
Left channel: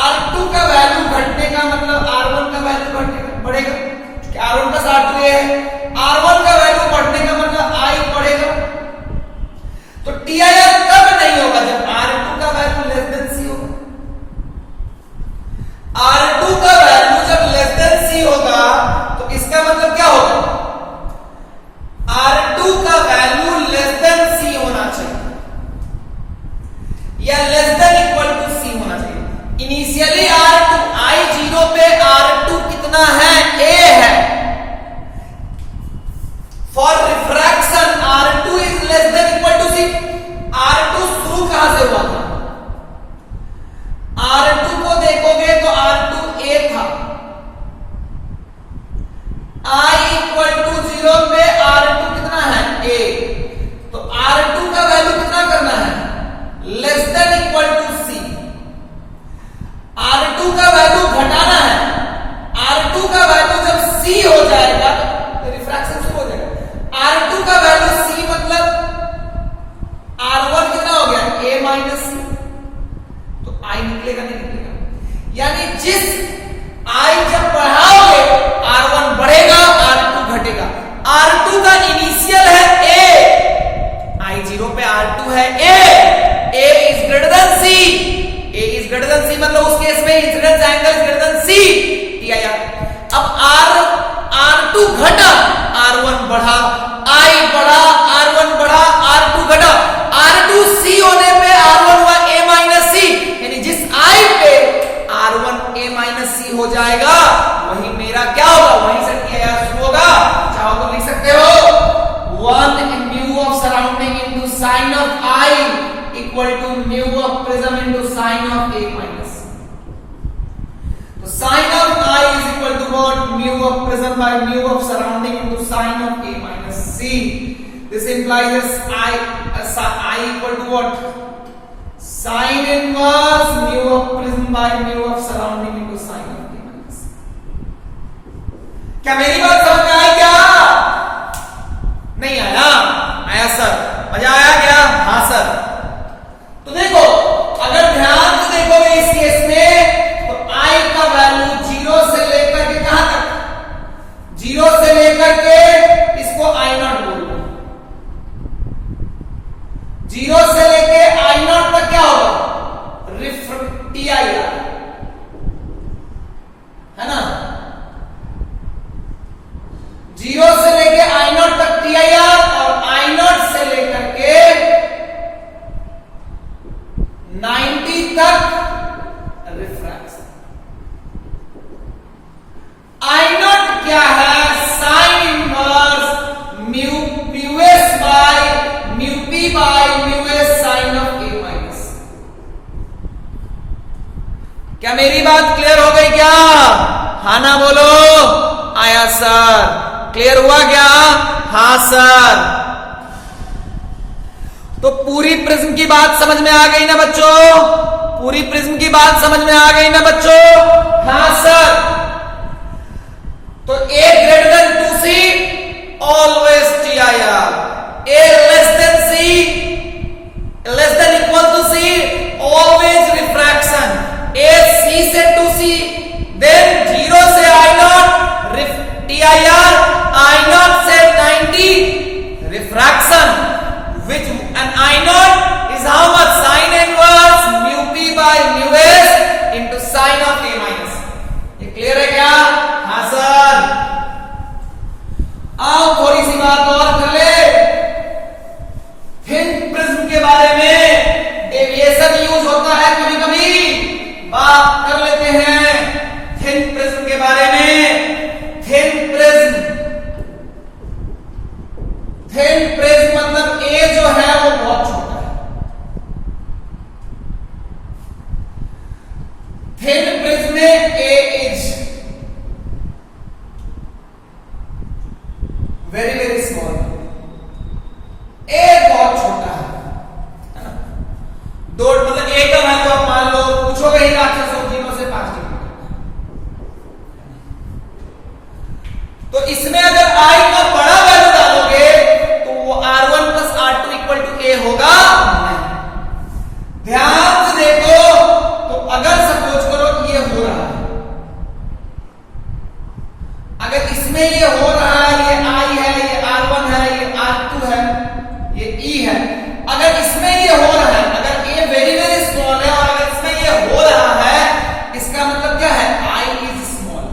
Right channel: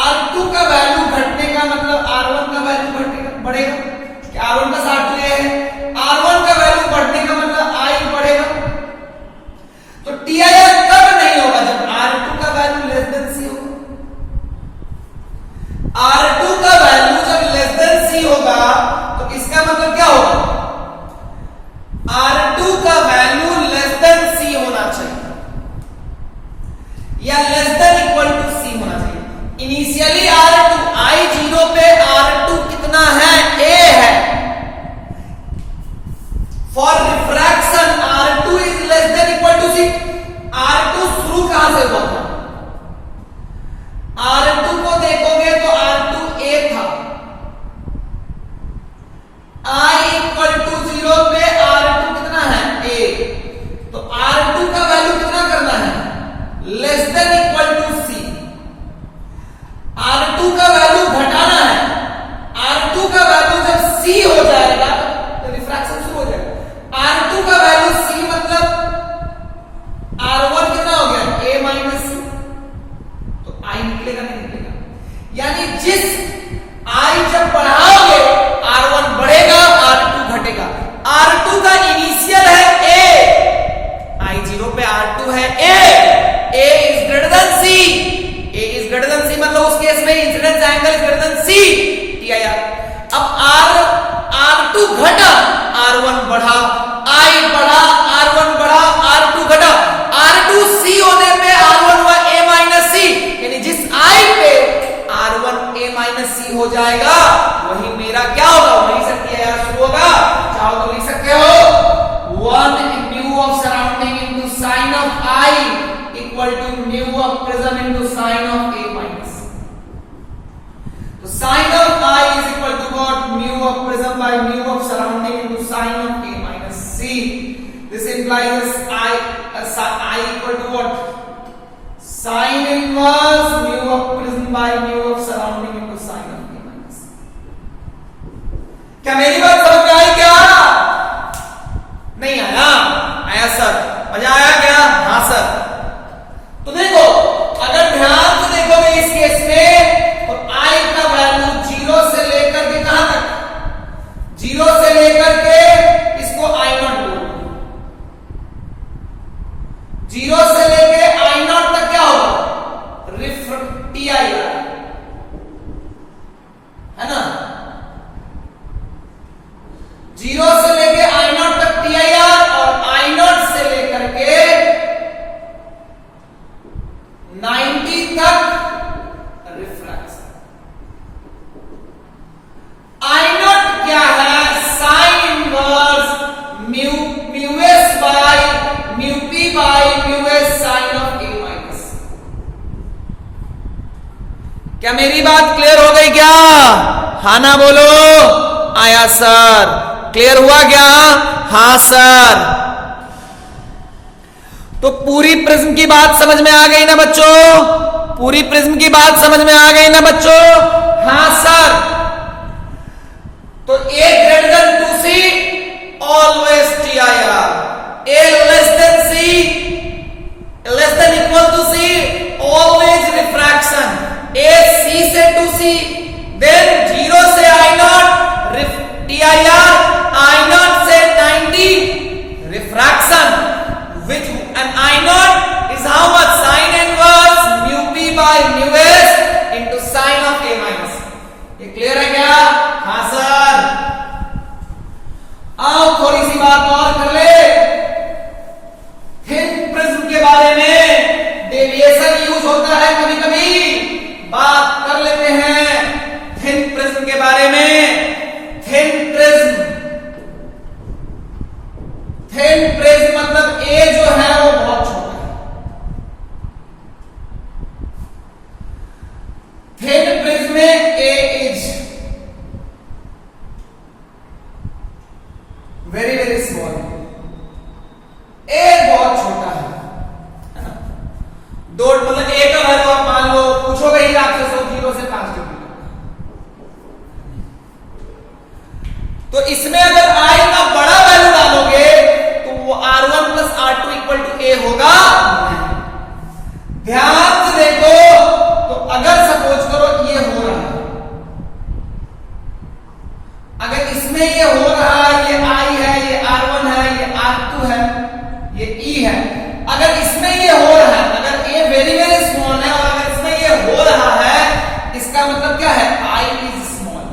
R2 का वैल्यू घटने का मतलब R1 का वैल्यू बढ़ेगा। R1 का R2 है, R1 का वैल्यू बढ़ने का मतलब I बढ़ेगा। तो TIR कब नहीं होगा? जब R2 का वैल्यू लेस देन C होगा। R2 का वैल्यू जब लेस देन C होगा तो इसका मतलब क्या होगा? R2 का वैल्यू लेस देन C होना चाहिए या less than equal to C होना चाहिए। इनिशियली R2 I0 पे R2 कितना है? A है। For refraction R2 is less than equal to C। R2 शुरू कहां से हुआ था? R2 को देखोगे तो R2 A था। I इक्वल टू 0 पे R2 कितना है? A। तो R2 का वैल्यू कितना करना है? Less than equal to C। R2 का वैल्यू घटाना है। R2 का वैल्यू जब C हो जाएगा तो रिफ्रैक्शन शुरू हो जाएगा। R2 का वैल्यू C मतलब R1 कितना हो गया? A minus C। तो I निकलेगा, नहीं निकलेगा? यानी जिस I जब बढ़ाओगे R1 बढ़ेगा, R2 घटेगा। R2 का इनिशियल है A, I0 पे R2 है A is greater than C। A is greater than C मतलब उस केस में incidence angle is greater than C, TIR। अब R2 घटा, R1 बढ़ा, I बढ़ा, R1 बढ़ा, R2 घटा। R2 C होने पे R1 हुआ A माइनस C, यानी जिस I पे R1 A माइनस C हो जाएगा वही मेरा क्या होगा? वहीं से TIR शुरू होगा। चाहो तो लिख सकते हो 1 mu of surrounding into sin of I equal to mu of prism into sin of A minus C। तो sin of I is equal to what? Mu of prism by mu of surrounding into sin of A minus C। This implies I equal to what? Sin inverse mu of prism by mu of surrounding into sin of A minus C। क्या मेरी बात समझ में आई क्या? आया sir, मजा आया क्या? हाँ सर। तो देखो, अगर ध्यान से देखोगे इस केस में, तो आई का वैल्यू 0 से लेकर के कहां तक? 0 से लेकर के इसको आई नॉट बोलो। 0 से लेके आई नॉट तक क्या होगा? टी आई आर, है ना? 0 से लेके आई नॉट तक टी आई आर, और आई नॉट से लेकर के 90 तक रिफ्रैक्शन। आई नॉट क्या है? Sine inverse mu S by mu P by mu S sine of A minus. क्या मेरी बात क्लियर हो गई क्या? हाँ ना बोलो। आया सर। क्लियर हुआ क्या? हाँ सर। तो पूरी प्रिज्म की बात समझ में आ गई ना बच्चों? पूरी प्रिज्म की बात समझ में आ गई ना बच्चों? हाँ सर। तो A greater than 2C always T I R, A less than C less than equal to C always refraction, A C से 2C देन 0 से I not T I R, I not से 90 refraction, which and I naught is how much? Sin inverse mu p by mu s into sin of a minus। ये clear है क्या? हाँ sir. आओ थोड़ी सी बात और कर ले थिन प्रिज्म के बारे में। डेविएशन यूज होता है कभी कभी, बात कर लेते हैं थिन प्रिज्म के बारे में। थिन प्रिज्म, थिन प्रिज्म मतलब ए जो है वो बहुत छोटा है। थिन प्रिज्म में ए इज वेरी वेरी स्मॉल, ए बहुत छोटा है। दो मतलब ए का वैल्यू आप मान लो, पूछोगे ही आपसे 0 से 5 के। तो इसमें अगर आई का बड़ा वैल्यू डालोगे तो वो R1 plus R2 equal to A होगा। ध्यान से देखो, तो अगर सपोज करो ये हो रहा है, अगर इसमें ये हो रहा है, ये I है, ये R1 है, ये R2 है, ये E है, अगर इसमें ये हो रहा है, अगर A वेरी वेरी स्मॉल है और अगर इसमें ये हो रहा है, इसका मतलब क्या है? I is small,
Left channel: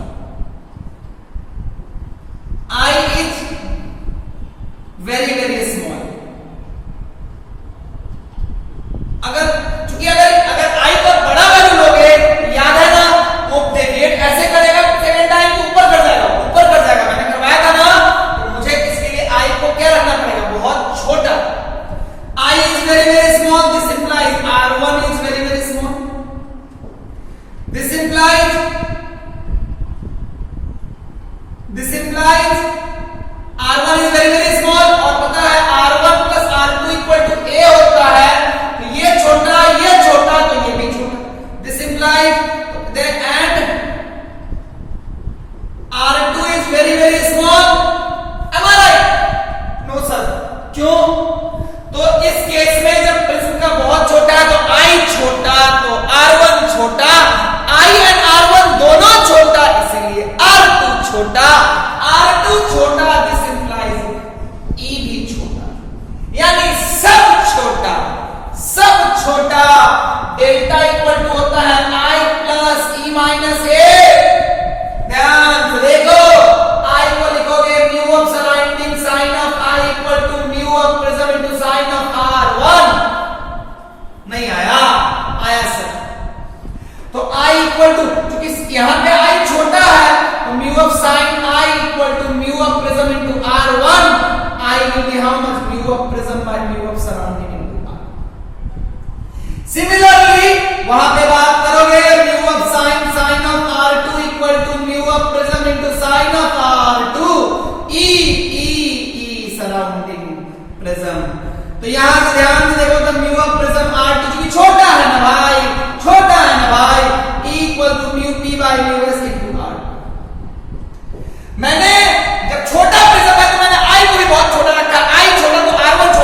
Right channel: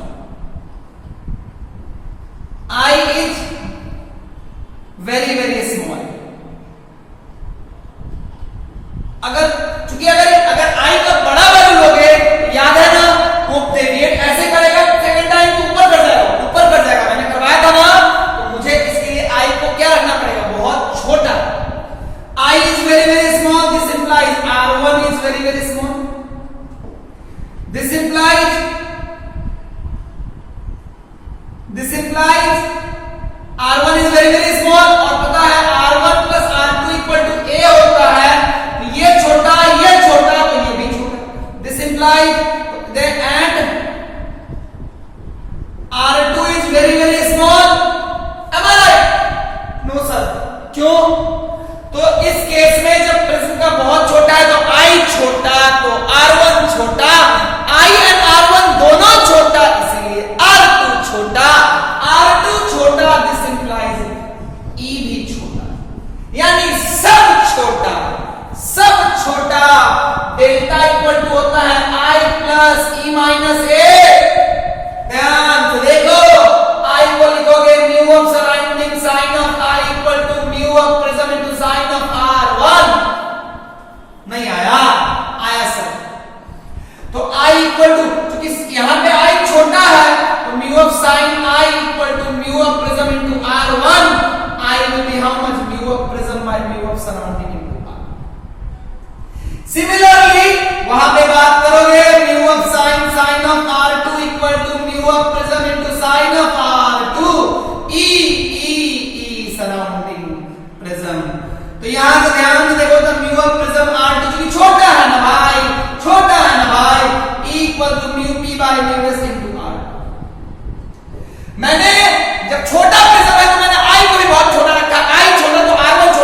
I is very very small। अगर चूंकि अगर I का बड़ा वैल्यू लोगे, याद है ना वो ग्रेडियंट ऐसे करेगा, सेकंड टाइम ऊपर कर जाएगा, ऊपर कर जाएगा। मैंने करवाया था ना, तो मुझे इसके लिए I को क्या रखना पड़ेगा? बहुत छोटा। I is very very small, this implies R1 is very very small, this implies R1 is very very small, और पता है R1 plus R2 equal to A होता है, तो ये छोटा तो ये भी छोटा। This implies and R2 is very very small। Am I right? No sir। क्यों? तो इस केस में जब प्रिज्म का बहुत छोटा है तो I छोटा, तो R1 छोटा, I and R1 दोनों छोटा, इसीलिए R2 छोटा, R2 छोटा, दिस इंप्लाइज E भी छोटा, यानी सब छोटा, सब छोटा। डेल्टा इक्वल टू होता है I plus E minus A। ध्यान से देखो, I को लिखोगे mu of surrounding sine of I equal to mu of prism into sine of R1। नहीं आया? आया सर। तो I इक्वल टू, क्योंकि यहां पे I छोटा है, तो mu of sine I equal to mu of prism into R1। I will be how much? Mu of prism by mu of surrounding into R। Similarly वहां पे बात करोगे mu of sin of R2 equal to mu of prism into sin of R2, E surrounding prism. तो यहां से ध्यान से देखो तो mu of prism R2 क्योंकि छोटा है ना भाई, छोटा है ना भाई, E equal to mu P by mu S into R2। मैंने जब छोटा प्रिज्म है तो मैंने I को भी बहुत छोटा रखा, I छोटा तो R1 छोटा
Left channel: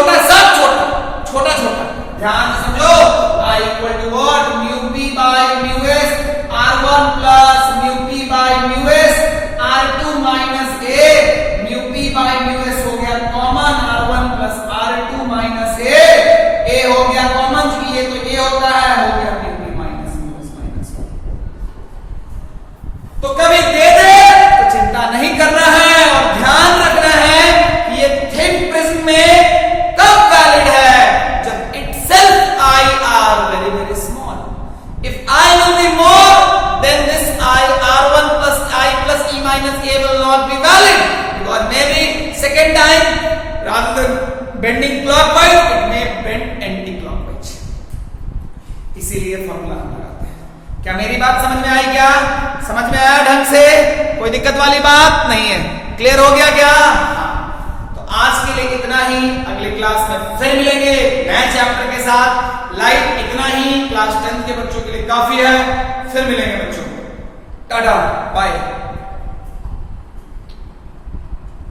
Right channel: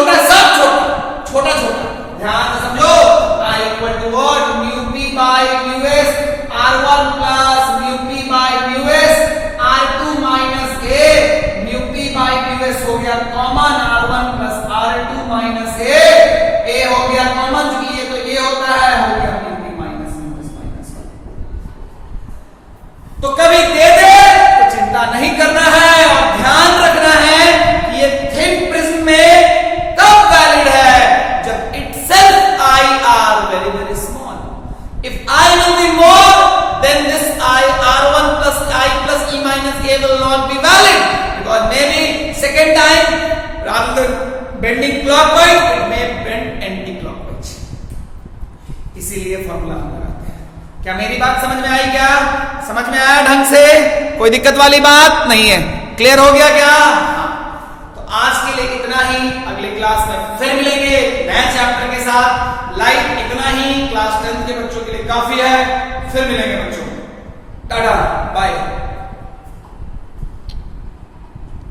छोटा, सब छोटा, छोटा छोटा, ध्यान से समझो। I equal to what? Mu p by mu s, r1 plus mu p by mu s, r2 minus a, mu p by mu s हो गया common, r1 plus r2 minus a हो गया कॉमन, क्योंकि ये तो a होता है, हो गया mu p minus mu s minus a। तो कभी दे दे तो चिंता नहीं करना है, और ध्यान रखना है कि ये थिन प्रिज्म में कब वैलिड है, जब itself I are very very small. If I will be more, then this I r1 plus I plus e minus a will not be valid, because maybe second time rather than bending clockwise it may bend anti-clockwise. इसीलिए formula हम लगाते हैं। क्या मेरी बात समझ में आई? क्या समझ में आया ढंग से? कोई दिक्कत वाली बात नहीं है? क्लियर हो गया क्या? आज के लिए इतना ही, अगली क्लास में फिर मिलेंगे नए चैप्टर के साथ। लाइव इतना ही, क्लास 10 के बच्चों के लिए काफी है। फिर मिलेंगे बच्चों, टाटा बाय।